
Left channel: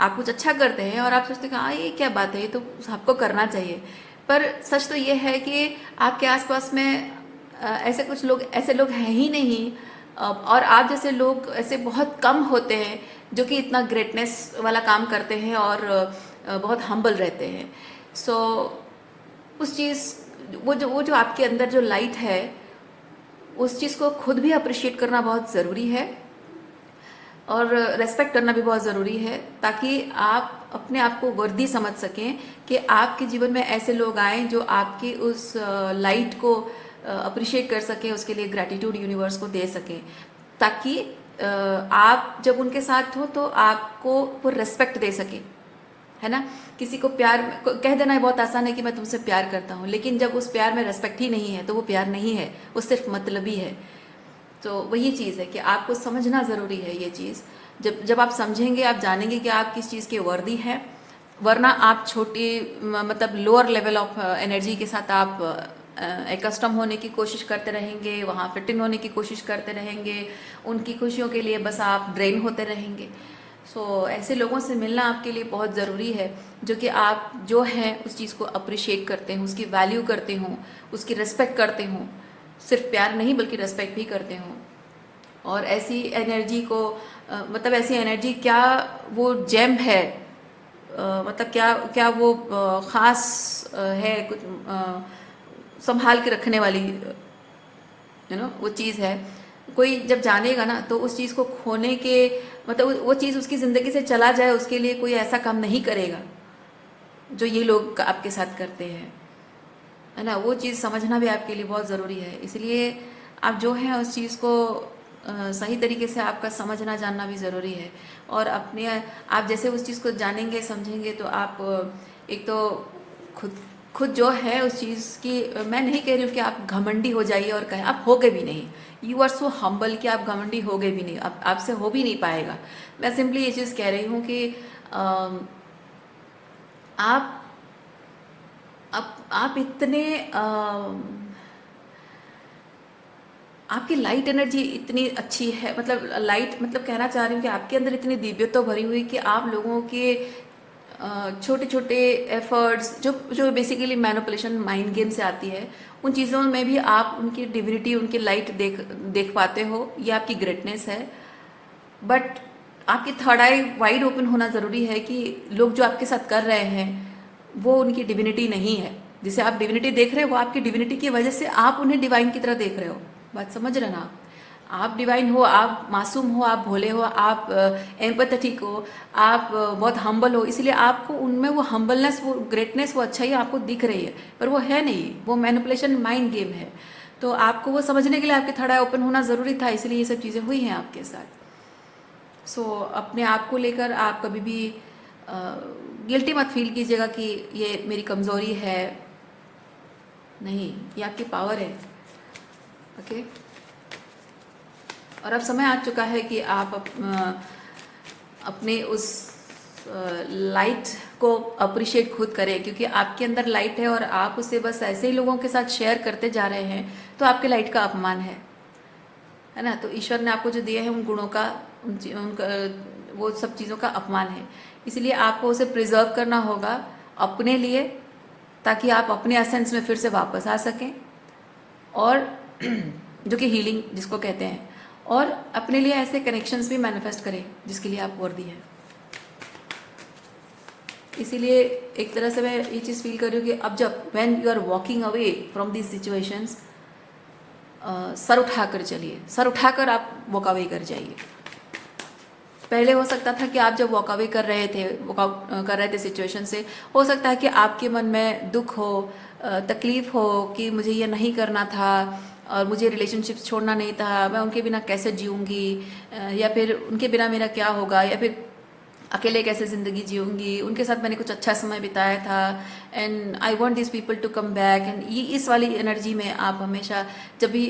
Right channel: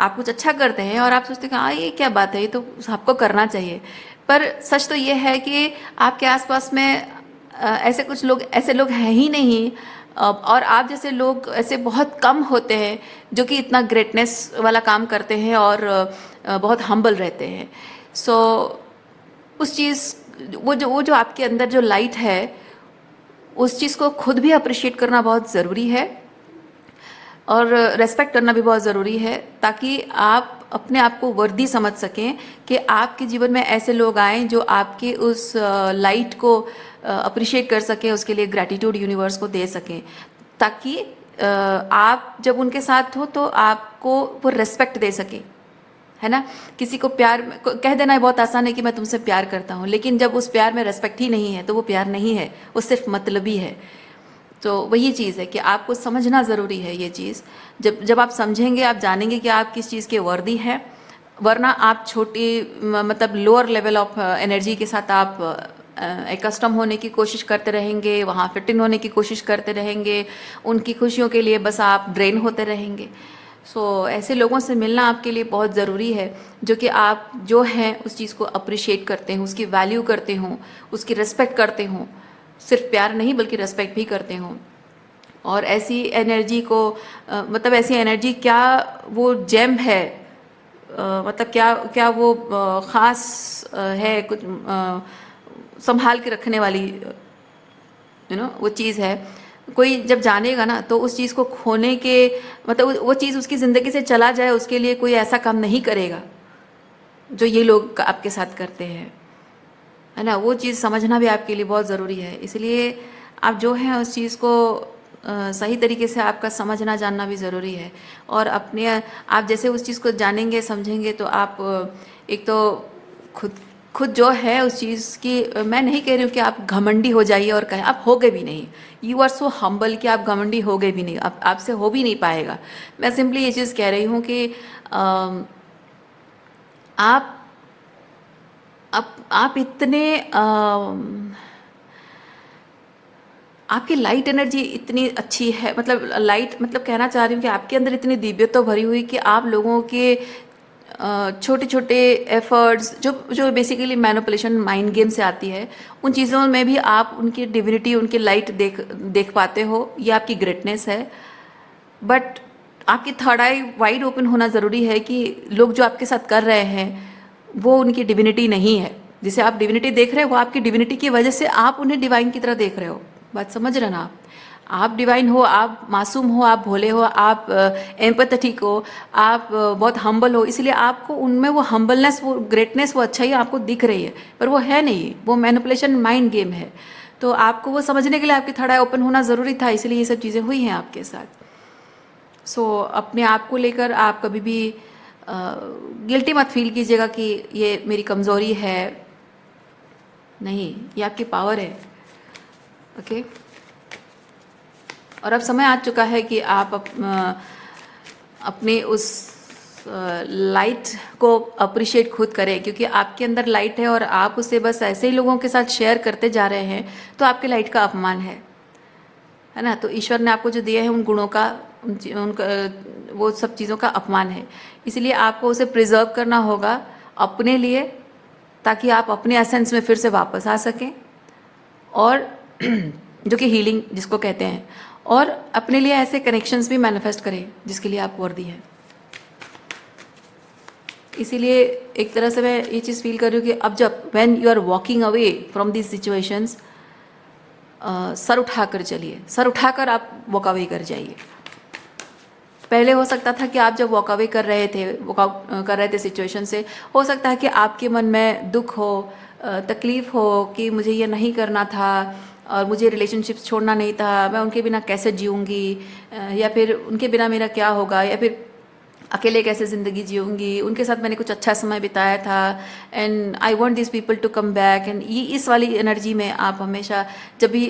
आप कुछ अच्छा करते हैं और आप सोचते हैं हाँ ये क्या बात है, ये तो सबको करना चाहिए, पर सच तो ये है कि आपके आसपास में ऐसे लोग हैं ही नहीं, और आप जैसे लोग ऐसे बहुत कम होते हैं जो कि इतना ग्रेटनेस वाला काम करते हैं और बहुत हम्बल रहते हैं। सो उस चीज़, वो जो आपके अंदर जो लाइट है, उस चीज़ को खुद भी अप्रिशिएट करना बहुत ज़रूरी है, और रेस्पेक्ट करना भी बहुत ज़रूरी है, ताकि आप अपने आप को वर्दी समझ सकें कि आपके जीवन में ऐसे लोग आएँ जो आपके उस लाइट को अप्रिशिएट कर सकें, उसके लिए ग्रैटिट्यूड यूनिवर्स को दे सकें, ताकि आप जब उनके साथ हो तो आपको वो रेस्पेक्ट दे सकें, है ना। किसी को प्यार कह देना बहुत आसान है कि मैं तुमसे प्यार करता हूँ, लेकिन जब उस प्यार में रेस्पेक्ट ही नहीं है तो वो प्यार नहीं है, वो सिर्फ मतलबी है। तो वही चीज़ है कि आपको समझना ज़रूरी है ये चीज़। जब आप समझेंगे, आप जानेंगे कि आप किस चीज़ के वर्दी हैं, वरना आप छोटी मतलब लोअर लेवल ऑफ एनर्जी के साथ आप कस्टम होने की कोशिश करते रहेंगे, वहाँ फिट इन होने की कोशिश करते रहेंगे, उनकी खुशियों के लिए बस आप ड्रेन होते रहेंगे। सो ऐसे लोगों से मिलना आपके लिए बहुत ज़रूरी है, जो कि आप जो हैं उस चीज़ को अप्रिशिएट करते हों, उसकी वैल्यू करते हों, उसकी रिस्पेक्ट करते हों, सिर्फ प्यार नहीं बल्कि रिस्पेक्ट भी करते हों। और ऐसी एनर्जी को मतलब ऐसी एनर्जी क्या वो जेम है, मतलब क्या क्या वो ख़ास है कुछ संभाल के रखने वाली वो चीज़ है। कोई जब जानेगा ना तो उस चीज़ को खोने के मतलब वो चीज़ उसकी ज़िंदगी से चला जाए उसके लिए कोई ऐसा काम नहीं करेगा जो ये लोग आपके साथ करते हैं, है ना। वो चीज़ समझना भी आपके लिए बहुत ज़रूरी है। इसलिए आप जो है उस चीज़ को सही तरीके से आपका समझना जानना भी ज़रूरी है। और अपने आप जैसे उस चीज़ को जानेंगे समझेंगे तो आप एक तो खुद खुद जो है उस चीज़ की, मैं नहीं कह रही हूँ कि आप घमंडी हो जाइए और कहें, आप होगे भी नहीं। यू आर सो हम्बल कि आप घमंडी होगे भी नहीं, आप आपसे हो भी नहीं पाएगा। मैं सिंपली ये चीज़ कह रही हूँ कि आप आप इतने आपकी लाइट एनर्जी इतनी अच्छी है, मतलब लाइट मतलब कहना चाह रही हूँ कि आपके अंदर इतनी दिव्यता भरी हुई कि आप लोगों के छोटे छोटे एफर्ट्स जो जो बेसिकली मैनिपुलेशन माइंड गेम से आती है, उन चीज़ों में भी आप उनकी डिविनिटी, उनकी लाइट देख देख पाते हो। ये आपकी ग्रेटनेस है। बट आपकी थर्ड आई वाइड ओपन होना ज़रूरी है कि लोग जो आपके साथ कर रहे हैं वो उनकी डिविनिटी नहीं है। जिसे आप डिविनिटी देख रहे हो वो आपकी डिविनिटी की वजह से आप उन्हें डिवाइन की तरह देख रहे हो। बात समझ रहे ना आप डिवाइन हो, आप मासूम हो, आप भोले हो, आप एम्पैथेटिक हो, आप बहुत हम्बल हो, इसलिए आपको उनमें वो हम्बलनेस, वो ग्रेटनेस, वो अच्छाई आपको दिख रही है, पर वो है नहीं, वो मैनिपुलेशन माइंड गेम है। तो आपको वो समझने के लिए आपकी थर्ड आई ओपन होना ज़रूरी था, इसलिए ये सब चीज़ें हुई हैं आपके साथ। अपने आप को लेकर आप कभी भी गिल्टी मत फील कीजिएगा कि ये मेरी कमज़ोरी है। नहीं, ये आपकी पावर है। ओके। और अब समय आ चुका है कि आप अपने उस लाइट को अप्रिशिएट खुद करें, क्योंकि आपके अंदर लाइट है और आप उसे बस ऐसे ही लोगों के साथ शेयर करते जा रहे हैं तो आपके लाइट का अपमान है ना। तो ईश्वर ने आपको जो दिया है उन गुणों का, उनका वो सब चीज़ों का अपमान है। इसलिए आपको उसे प्रिजर्व करना होगा अपने लिए, ताकि आप अपने एसेंस में फिर से वापस आ सकें, और जो कि हीलिंग जिसको कहते हैं, और अपने लिए ऐसे कनेक्शंस भी मैनिफेस्ट करें जिसके लिए आप वर्दी हैं। इसीलिए एक तरह से मैं ये चीज़ फील कर रही हूँ कि अब जब when you are walking away from this situations, सर उठाकर चलिए, सर उठाकर आप वॉक अवे कर जाइए। पहले हो सकता था कि आप जब वॉक अवे कर रहे थे, वॉकआउट कर रहे थे सिचुएशन से, हो सकता है कि आपके मन में दुख हो, तकलीफ हो कि मुझे ये नहीं करना था और मुझे रिलेशनशिप्स छोड़ना नहीं था, मैं उनके बिना कैसे जीऊँगी, या फिर उनके बिना मेरा क्या होगा, या फिर अकेले कैसे ज़िंदगी जीऊँगी, उनके साथ मैंने कुछ अच्छा समय बिताया था and I want this people to come back. And ये इस वाली एनर्जी में आप हमेशा जब भी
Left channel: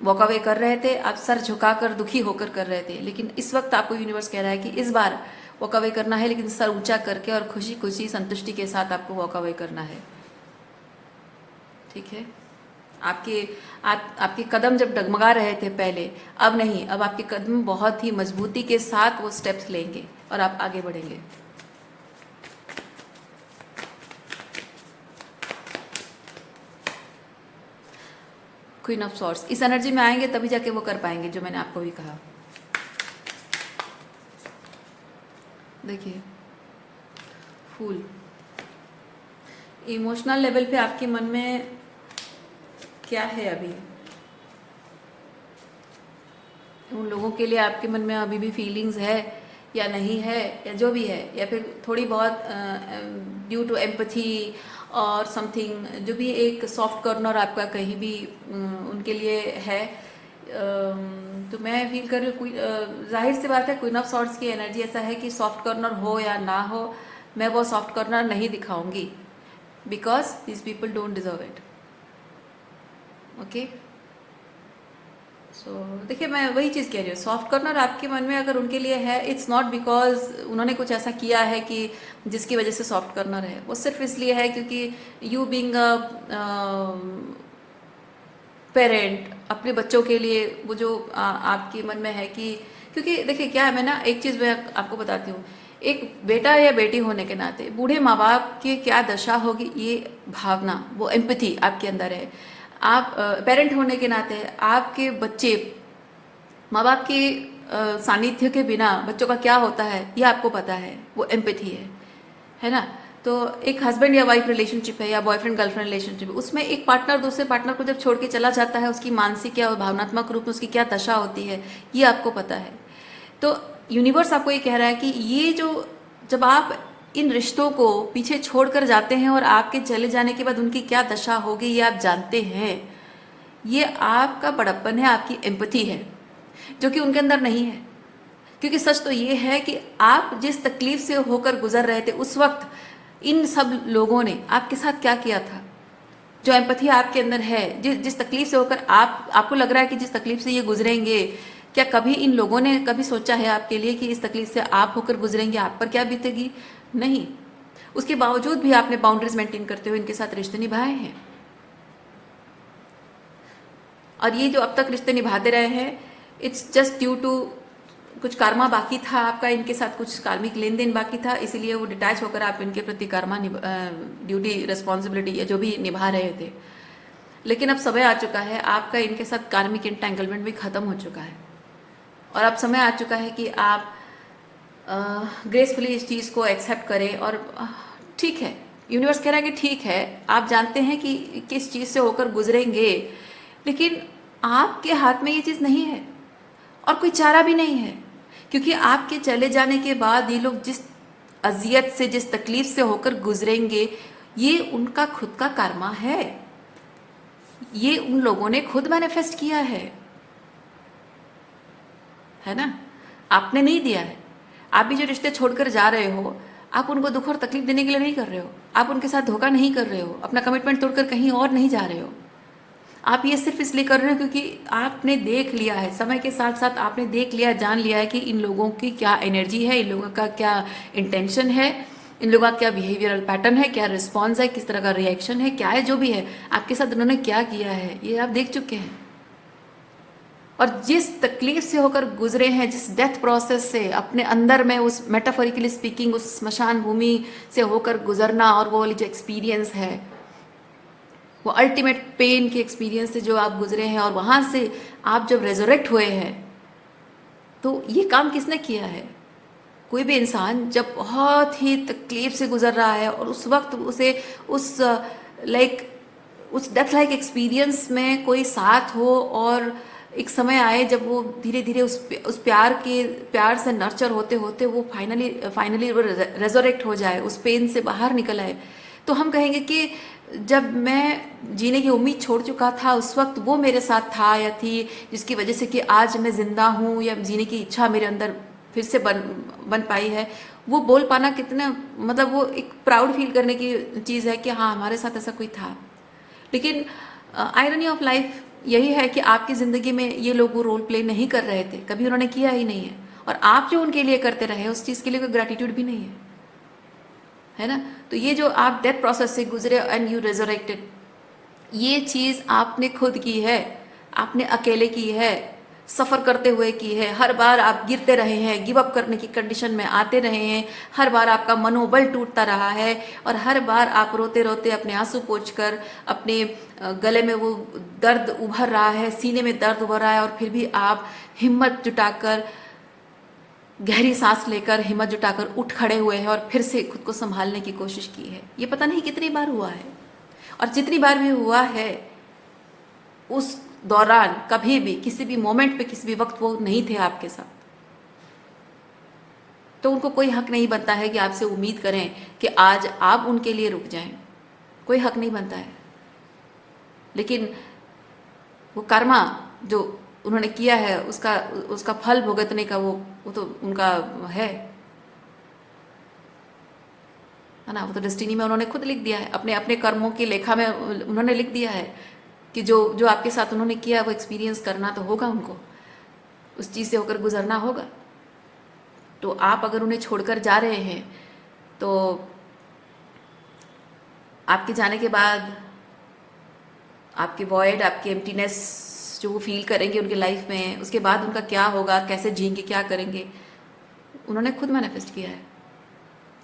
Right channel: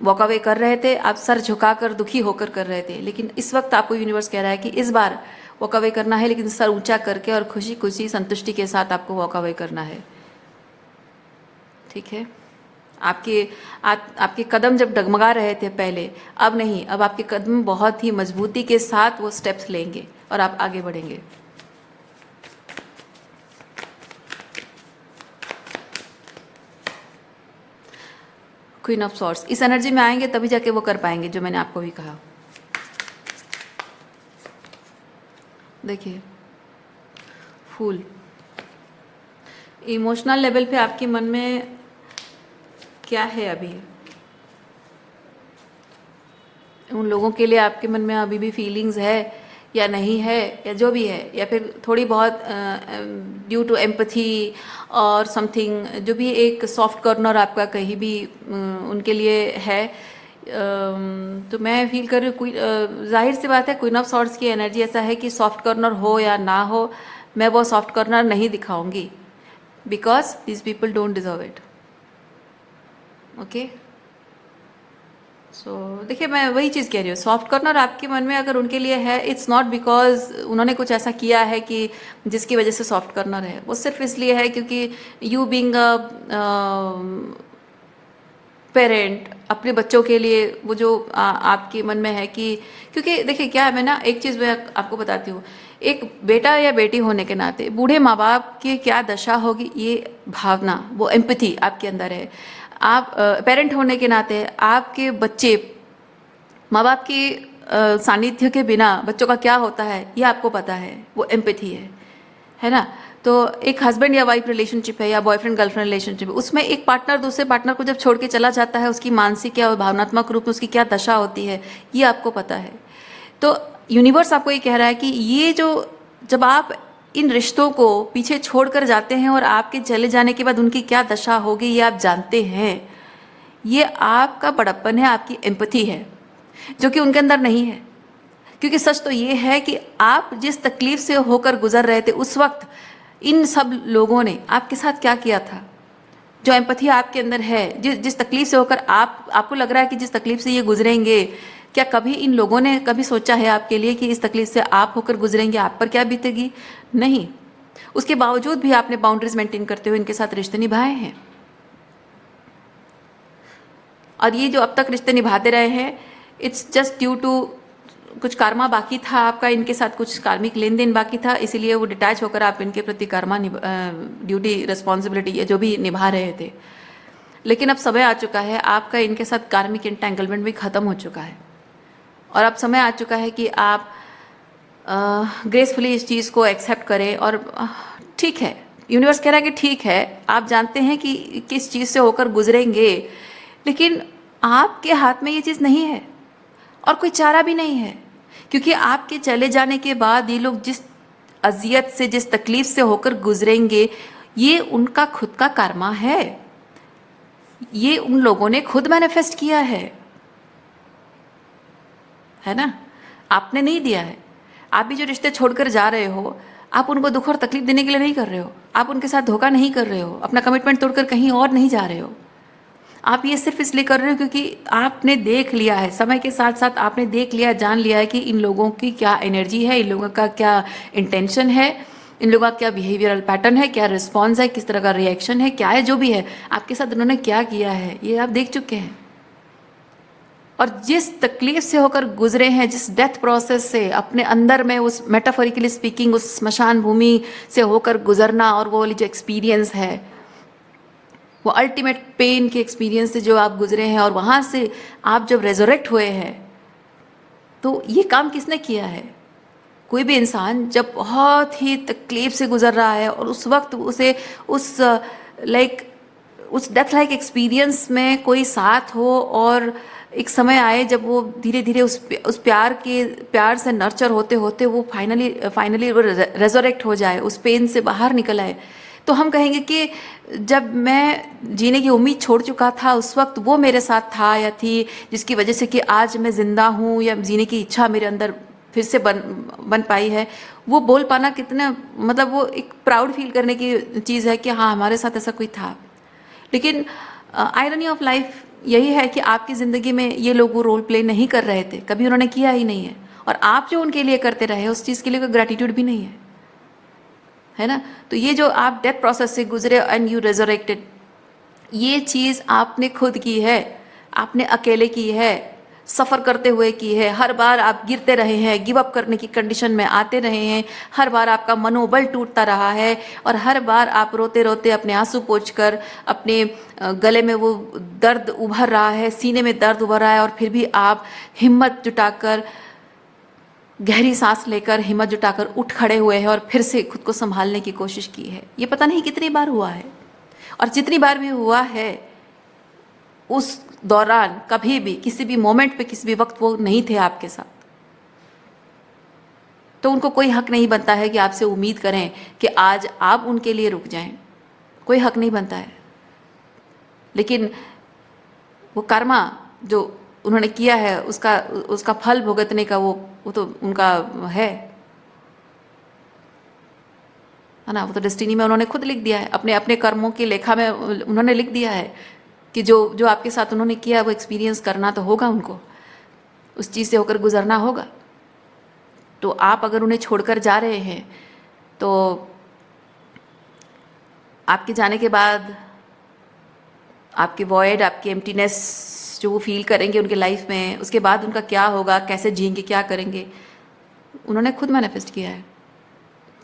वॉक अवे कर रहे थे, आप सर झुकाकर दुखी होकर कर रहे थे। लेकिन इस वक्त आपको यूनिवर्स कह रहा है कि इस बार वॉक अवे करना है, लेकिन सर ऊंचा करके और खुशी खुशी संतुष्टि के साथ आपको वॉक अवे करना है। ठीक है। आपके कदम जब डगमगा रहे थे पहले, अब नहीं, अब आपके कदम बहुत ही मजबूती के साथ वो स्टेप्स लेंगे और आप आगे बढ़ेंगे। क्वीन ऑफ सॉर्ड्स इस एनर्जी में आएंगे तभी जाके वो कर पाएंगे जो मैंने आपको भी कहा। देखिए, फूल इमोशनल लेवल पे आपके मन में क्या है अभी, उन लोगों के लिए आपके मन में अभी भी फीलिंग्स है या नहीं है, या जो भी है, या फिर थोड़ी बहुत ड्यू टू एम्पथी और समथिंग, जो भी एक सॉफ्ट कॉर्नर आपका कहीं भी उनके लिए है। तो मैं फील कर रही हूँ, जाहिर सी बात है, क्वीन ऑफ सॉर्ड्स की एनर्जी ऐसा है कि सॉफ्ट कॉर्नर हो या ना हो, मैं वो सॉफ्ट कॉर्नर नहीं दिखाऊंगी, because this people don't deserve it. Okay. देखिए, मैं वही चीज़ कह रही हूँ, सॉफ्ट कॉर्नर आपके मन में अगर उनके लिए है, इट्स नॉट बिकॉज उन्होंने कुछ ऐसा किया है कि जिसकी वजह से सॉफ्ट कॉर्नर है, वो सिर्फ इसलिए है क्योंकि यू बीइंग अ पेरेंट अपने बच्चों के लिए वो जो आपके मन में है कि, क्योंकि देखिए क्या है, मैं ना एक चीज़ मैं आपको बताती हूँ, एक बेटा या बेटी होने के नाते बूढ़े माँ बाप की क्या दशा होगी, ये भावना, वो एम्पैथी आपके अंदर है। आप पेरेंट होने के नाते आपके बच्चे माँ बाप की सानिध्य के बिना बच्चों का क्या होता है ये आपको पता है, वो एम्पैथी है ना। तो एक हस्बैंड या वाइफ रिलेशनशिप है या बॉयफ्रेंड गर्लफ्रेंड रिलेशनशिप है, उसमें एक पार्टनर दूसरे पार्टनर को जब छोड़ के चला जाता है, उसकी मानसिक या भावनात्मक रूप में उसकी क्या दशा होती है ये आपको पता है। तो यूनिवर्स आपको ये कह रहा है कि ये जो, जब आप इन रिश्तों को पीछे छोड़कर जाते हैं और आपके चले जाने के बाद उनकी क्या दशा होगी ये आप जानते हैं, ये आपका बड़प्पन है, आपकी एम्पैथी है, जो कि उनके अंदर नहीं है। क्योंकि सच तो ये है कि आप जिस तकलीफ से होकर गुजर रहे थे उस वक्त इन सब लोगों ने आपके साथ क्या किया था। जो एम्पैथी आपके अंदर है, जिस तकलीफ से होकर आपको लग रहा है कि जिस तकलीफ से ये गुजरेंगे, क्या कभी इन लोगों ने कभी सोचा है आपके लिए कि इस तकलीफ से आप होकर गुजरेंगे, आप पर क्या बीतेगी? नहीं। उसके बावजूद भी आपने बाउंड्रीज मेंटेन करते हुए इनके साथ रिश्ते निभाए हैं। और ये जो अब तक रिश्ते निभाते रहे हैं, इट्स जस्ट ड्यू टू कुछ कर्मा बाकी था आपका, इनके साथ कुछ कार्मिक लेन देन बाकी था, इसीलिए वो डिटैच होकर आप इनके प्रति कर्मा ड्यूटी रिस्पॉन्सिबिलिटी जो भी निभा रहे थे। लेकिन अब समय आ चुका है, आपका इनके साथ कार्मिक इंटेंगलमेंट भी खत्म हो चुका है, और अब समय आ चुका है कि आप ग्रेसफुली इस चीज़ को एक्सेप्ट करें। और ठीक है, यूनिवर्स कह रहा है कि ठीक है, आप जानते हैं कि किस चीज़ से होकर गुजरेंगे, लेकिन आपके हाथ में ये चीज़ नहीं है और कोई चारा भी नहीं है। क्योंकि आपके चले जाने के बाद ये लोग जिस अजियत से, जिस तकलीफ से होकर गुजरेंगे, ये उनका खुद का कर्मा है। ये उन लोगों ने खुद मैनिफेस्ट किया है ना? आपने नहीं दिया है। आप भी जो रिश्ते छोड़कर जा रहे हो, आप उनको दुख और तकलीफ देने के लिए नहीं कर रहे हो, आप उनके साथ धोखा नहीं कर रहे हो, अपना कमिटमेंट तोड़कर कहीं और नहीं जा रहे हो। आप ये सिर्फ इसलिए कर रहे हो क्योंकि आपने देख लिया है, समय के साथ साथ आपने देख लिया, जान लिया है कि इन लोगों की क्या एनर्जी है, इन लोगों का क्या इंटेंशन है, इन लोगों का क्या बिहेवियरल पैटर्न है, क्या रिस्पॉन्स है, किस तरह का रिएक्शन है, क्या है, जो भी है आपके साथ उन्होंने क्या किया है, ये आप देख चुके हैं। और जिस तकलीफ से होकर गुजरे हैं, जिस डेथ प्रोसेस से अपने अंदर में, उस मेटाफोरिकली स्पीकिंग उस स्मशान भूमि से होकर गुजरना, और वो वाली जो एक्सपीरियंस है, वो अल्टीमेट पेन के एक्सपीरियंस से जो आप गुजरे हैं, और वहाँ से आप जब रेजोरेक्ट हुए हैं, तो ये काम किसने किया है? कोई भी इंसान जब बहुत ही तकलीफ से गुजर रहा है और उस वक्त उसे उस उस डेथ लाइक एक्सपीरियंस में कोई साथ हो, और एक समय आए जब वो धीरे धीरे उस प्यार से नर्चर होते होते वो फाइनली वो रेजोरेक्ट हो जाए, उस पेन से बाहर निकल आए, तो हम कहेंगे कि जब मैं जीने की उम्मीद छोड़ चुका था उस वक्त वो मेरे साथ था या थी, जिसकी वजह से कि आज मैं जिंदा हूँ, या जीने की इच्छा मेरे अंदर फिर से बन पाई है। वो बोल पाना कितना, मतलब वो एक प्राउड फील करने की चीज़ है कि हाँ, हमारे साथ ऐसा कोई था। लेकिन आयरनी ऑफ लाइफ यही है कि आपकी ज़िंदगी में ये लोग वो रोल प्ले नहीं कर रहे थे, कभी उन्होंने किया ही नहीं है, और आप जो उनके लिए करते रहे उस चीज़ के लिए कोई ग्रैटिट्यूड भी नहीं है ना? तो ये जो आप डेथ प्रोसेस से गुजरे एंड यू रेजरेक्टेड, ये चीज़ आपने खुद की है, आपने अकेले की है, सफ़र करते हुए की है। हर बार आप गिरते रहे हैं, गिव अप करने की कंडीशन में आते रहे हैं, हर बार आपका मनोबल टूटता रहा है, और हर बार आप रोते रोते अपने आंसू पोंछकर, अपने गले में वो दर्द उभर रहा है, सीने में दर्द उभर रहा है, और फिर भी आप हिम्मत जुटाकर, गहरी सांस लेकर, हिम्मत जुटाकर उठ खड़े हुए हैं और फिर से खुद को संभालने की कोशिश की है। ये पता नहीं कितनी बार हुआ है, और जितनी बार भी हुआ है उस दौरान कभी भी, किसी भी मोमेंट पे, किसी भी वक्त वो नहीं थे आपके साथ, तो उनको कोई हक नहीं बनता है कि आपसे उम्मीद करें कि आज आप उनके लिए रुक जाएं। कोई हक नहीं बनता है। लेकिन वो कर्मा जो उन्होंने किया है, उसका फल भुगतने का वो तो उनका है ना? वो तो डेस्टिनी में उन्होंने खुद लिख दिया है, अपने अपने कर्मों की लेखा में उन्होंने लिख दिया है कि जो आपके साथ उन्होंने किया वो एक्सपीरियंस करना तो होगा, उनको उस चीज़ से होकर गुजरना होगा। तो आप अगर उन्हें छोड़कर जा रहे हैं, तो आपके जाने के बाद आपकी वॉइड, आपकी एम्प्टीनेस जो वो फील करेंगे उनके लाइफ में, उसके बाद उनका क्या होगा, कैसे जिएंगे, क्या करेंगे, उन्होंने खुद मैनिफेस्ट किया है।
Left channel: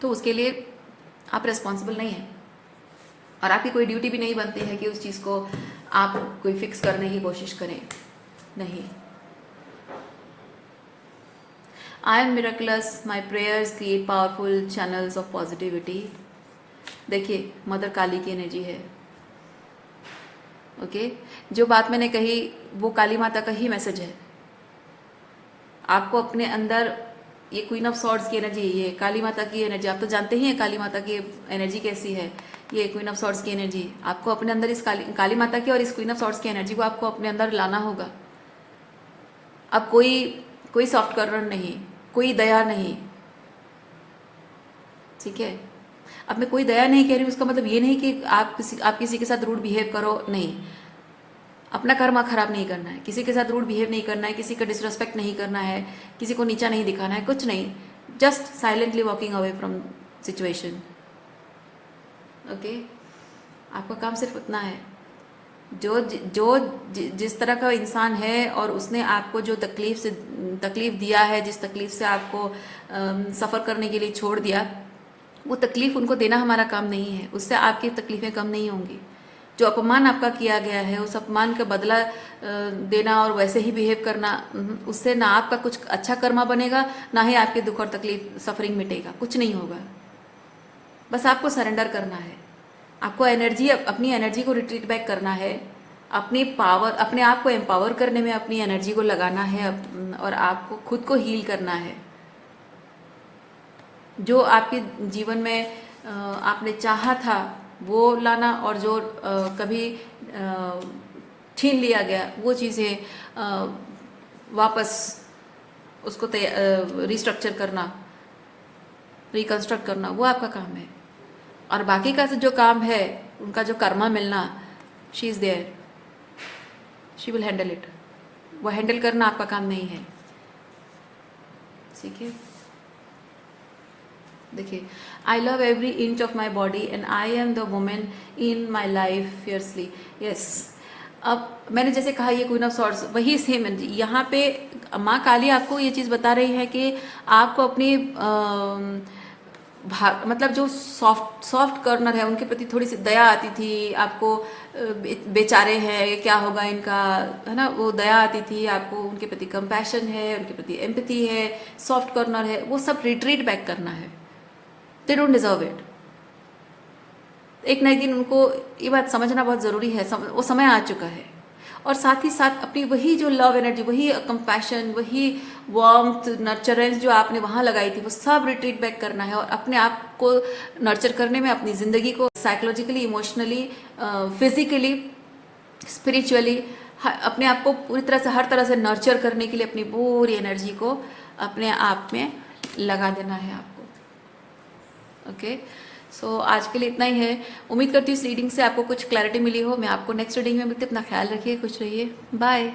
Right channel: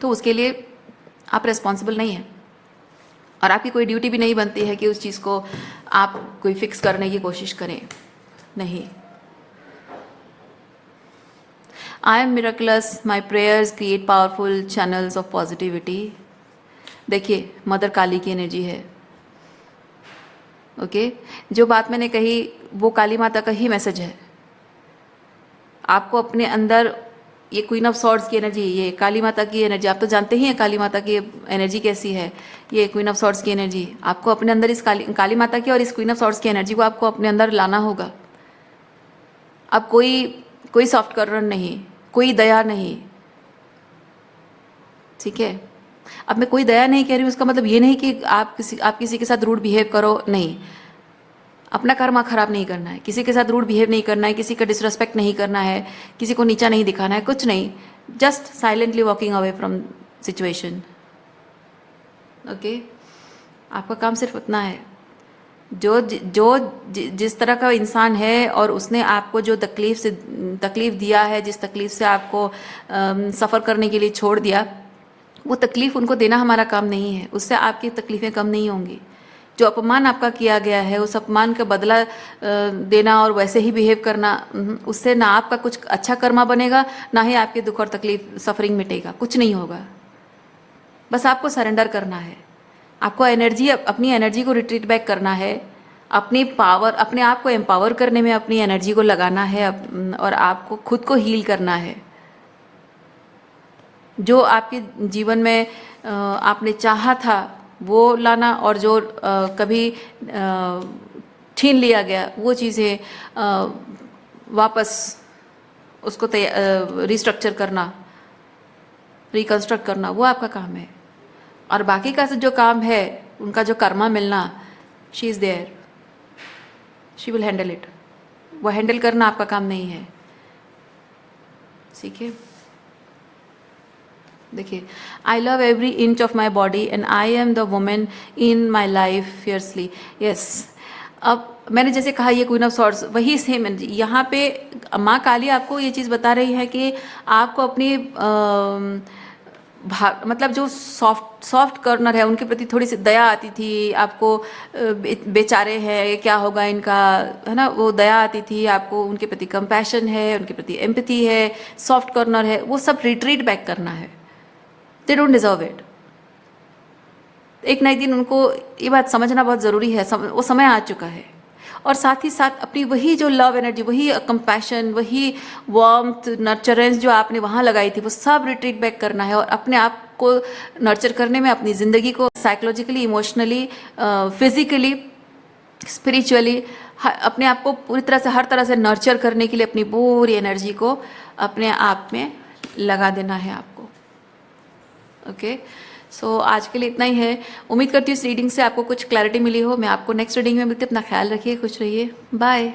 तो उसके लिए आप रिस्पॉन्सिबल नहीं हैं, और आपकी कोई ड्यूटी भी नहीं बनती है कि उस चीज़ को आप कोई फिक्स करने की कोशिश करें। नहीं। I am miracles, my prayers create powerful channels of positivity. देखिए, मदर काली की एनर्जी है। ओके, जो बात मैंने कही वो काली माता का ही मैसेज है। आपको अपने अंदर ये क्वीन ऑफ सॉर्ड्स की एनर्जी, ये काली माता की एनर्जी, आप तो जानते ही हैं काली माता की एनर्जी कैसी है। ये क्वीन ऑफ सॉर्ड्स की एनर्जी, आपको अपने अंदर इस काली माता की और इस क्वीन ऑफ सॉर्ड्स की एनर्जी को आपको अपने अंदर लाना होगा। अब कोई सॉफ्ट कर्नर नहीं, कोई दया नहीं, ठीक है। अब मैं कोई दया नहीं कह रही, उसका मतलब ये नहीं कि आप किसी के साथ रूड बिहेव करो, नहीं। अपना कर्मा खराब नहीं करना है, किसी के साथ रूड बिहेव नहीं करना है, किसी का डिसरेस्पेक्ट नहीं करना है, किसी को नीचा नहीं दिखाना है, कुछ नहीं। Just silently walking away from situation. Okay, आपका काम सिर्फ उतना है। जिस तरह का इंसान है और उसने आपको जो तकलीफ दिया है, जिस तकलीफ से आपको सफ़र करने के लिए छोड़ दिया, वो तकलीफ उनको देना हमारा काम नहीं है। उससे आपकी तकलीफ़ें कम नहीं होंगी। जो अपमान आपका किया गया है, उस अपमान का बदला देना और वैसे ही बिहेव करना, उससे ना आपका कुछ अच्छा कर्मा बनेगा, ना ही आपके दुख और तकलीफ सफरिंग मिटेगा, कुछ नहीं होगा। बस आपको सरेंडर करना है, आपको अपनी एनर्जी को रिट्रीट बैक करना है, अपने आप को एम्पावर करने में अपनी एनर्जी को लगाना है, और आपको खुद को हील करना है। जो आपके जीवन में आपने चाहा था वो लाना, और जो कभी छीन लिया गया वो चीज़ें वापस उसको रिस्ट्रक्चर करना, रिकंस्ट्रक्ट करना, वो आपका काम है। और बाकी का जो काम है, उनका जो कर्मा मिलना, she is there, she will handle it. वो हैंडल करना आपका काम नहीं है, ठीक है। देखिए, I love every inch of my body and I am the women in my life fiercely. Yes, अब मैंने जैसे कहा ये क्वीन ऑफ सॉर्ड्स, वही सेम एनर्जी यहाँ पे माँ काली आपको ये चीज़ बता रही है कि आपको अपनी मतलब जो सॉफ्ट कॉर्नर है उनके प्रति थोड़ी सी दया आती थी आपको। बेचारे हैं, क्या होगा इनका, है ना, वो दया आती थी आपको। उनके प्रति कंपैशन है, उनके प्रति एम्पैथी है, सॉफ्ट कॉर्नर है, वो सब रिट्रीट बैक करना है। They don't deserve it. एक ना एक दिन उनको ये बात समझना बहुत ज़रूरी है, वो समय आ चुका है। और साथ ही साथ अपनी वही जो लव एनर्जी, वही कंपैशन, वही वार्मथ, नर्चरेंस जो आपने वहाँ लगाई थी, वो सब रिट्रीट बैक करना है। और अपने आप को नर्चर करने में, अपनी ज़िंदगी को साइकोलॉजिकली, इमोशनली, फिजिकली, स्पिरिचुअली अपने आप को पूरी तरह से, हर तरह से नर्चर करने के लिए अपनी पूरी एनर्जी को अपने आप में लगा देना है आपको। ओके, सो आज के लिए इतना ही है। उम्मीद करती हूँ इस रीडिंग से आपको कुछ क्लैरिटी मिली हो। मैं आपको नेक्स्ट रीडिंग में मिलती हूँ। अपना ख्याल रखिए, खुश रहिए, बाय।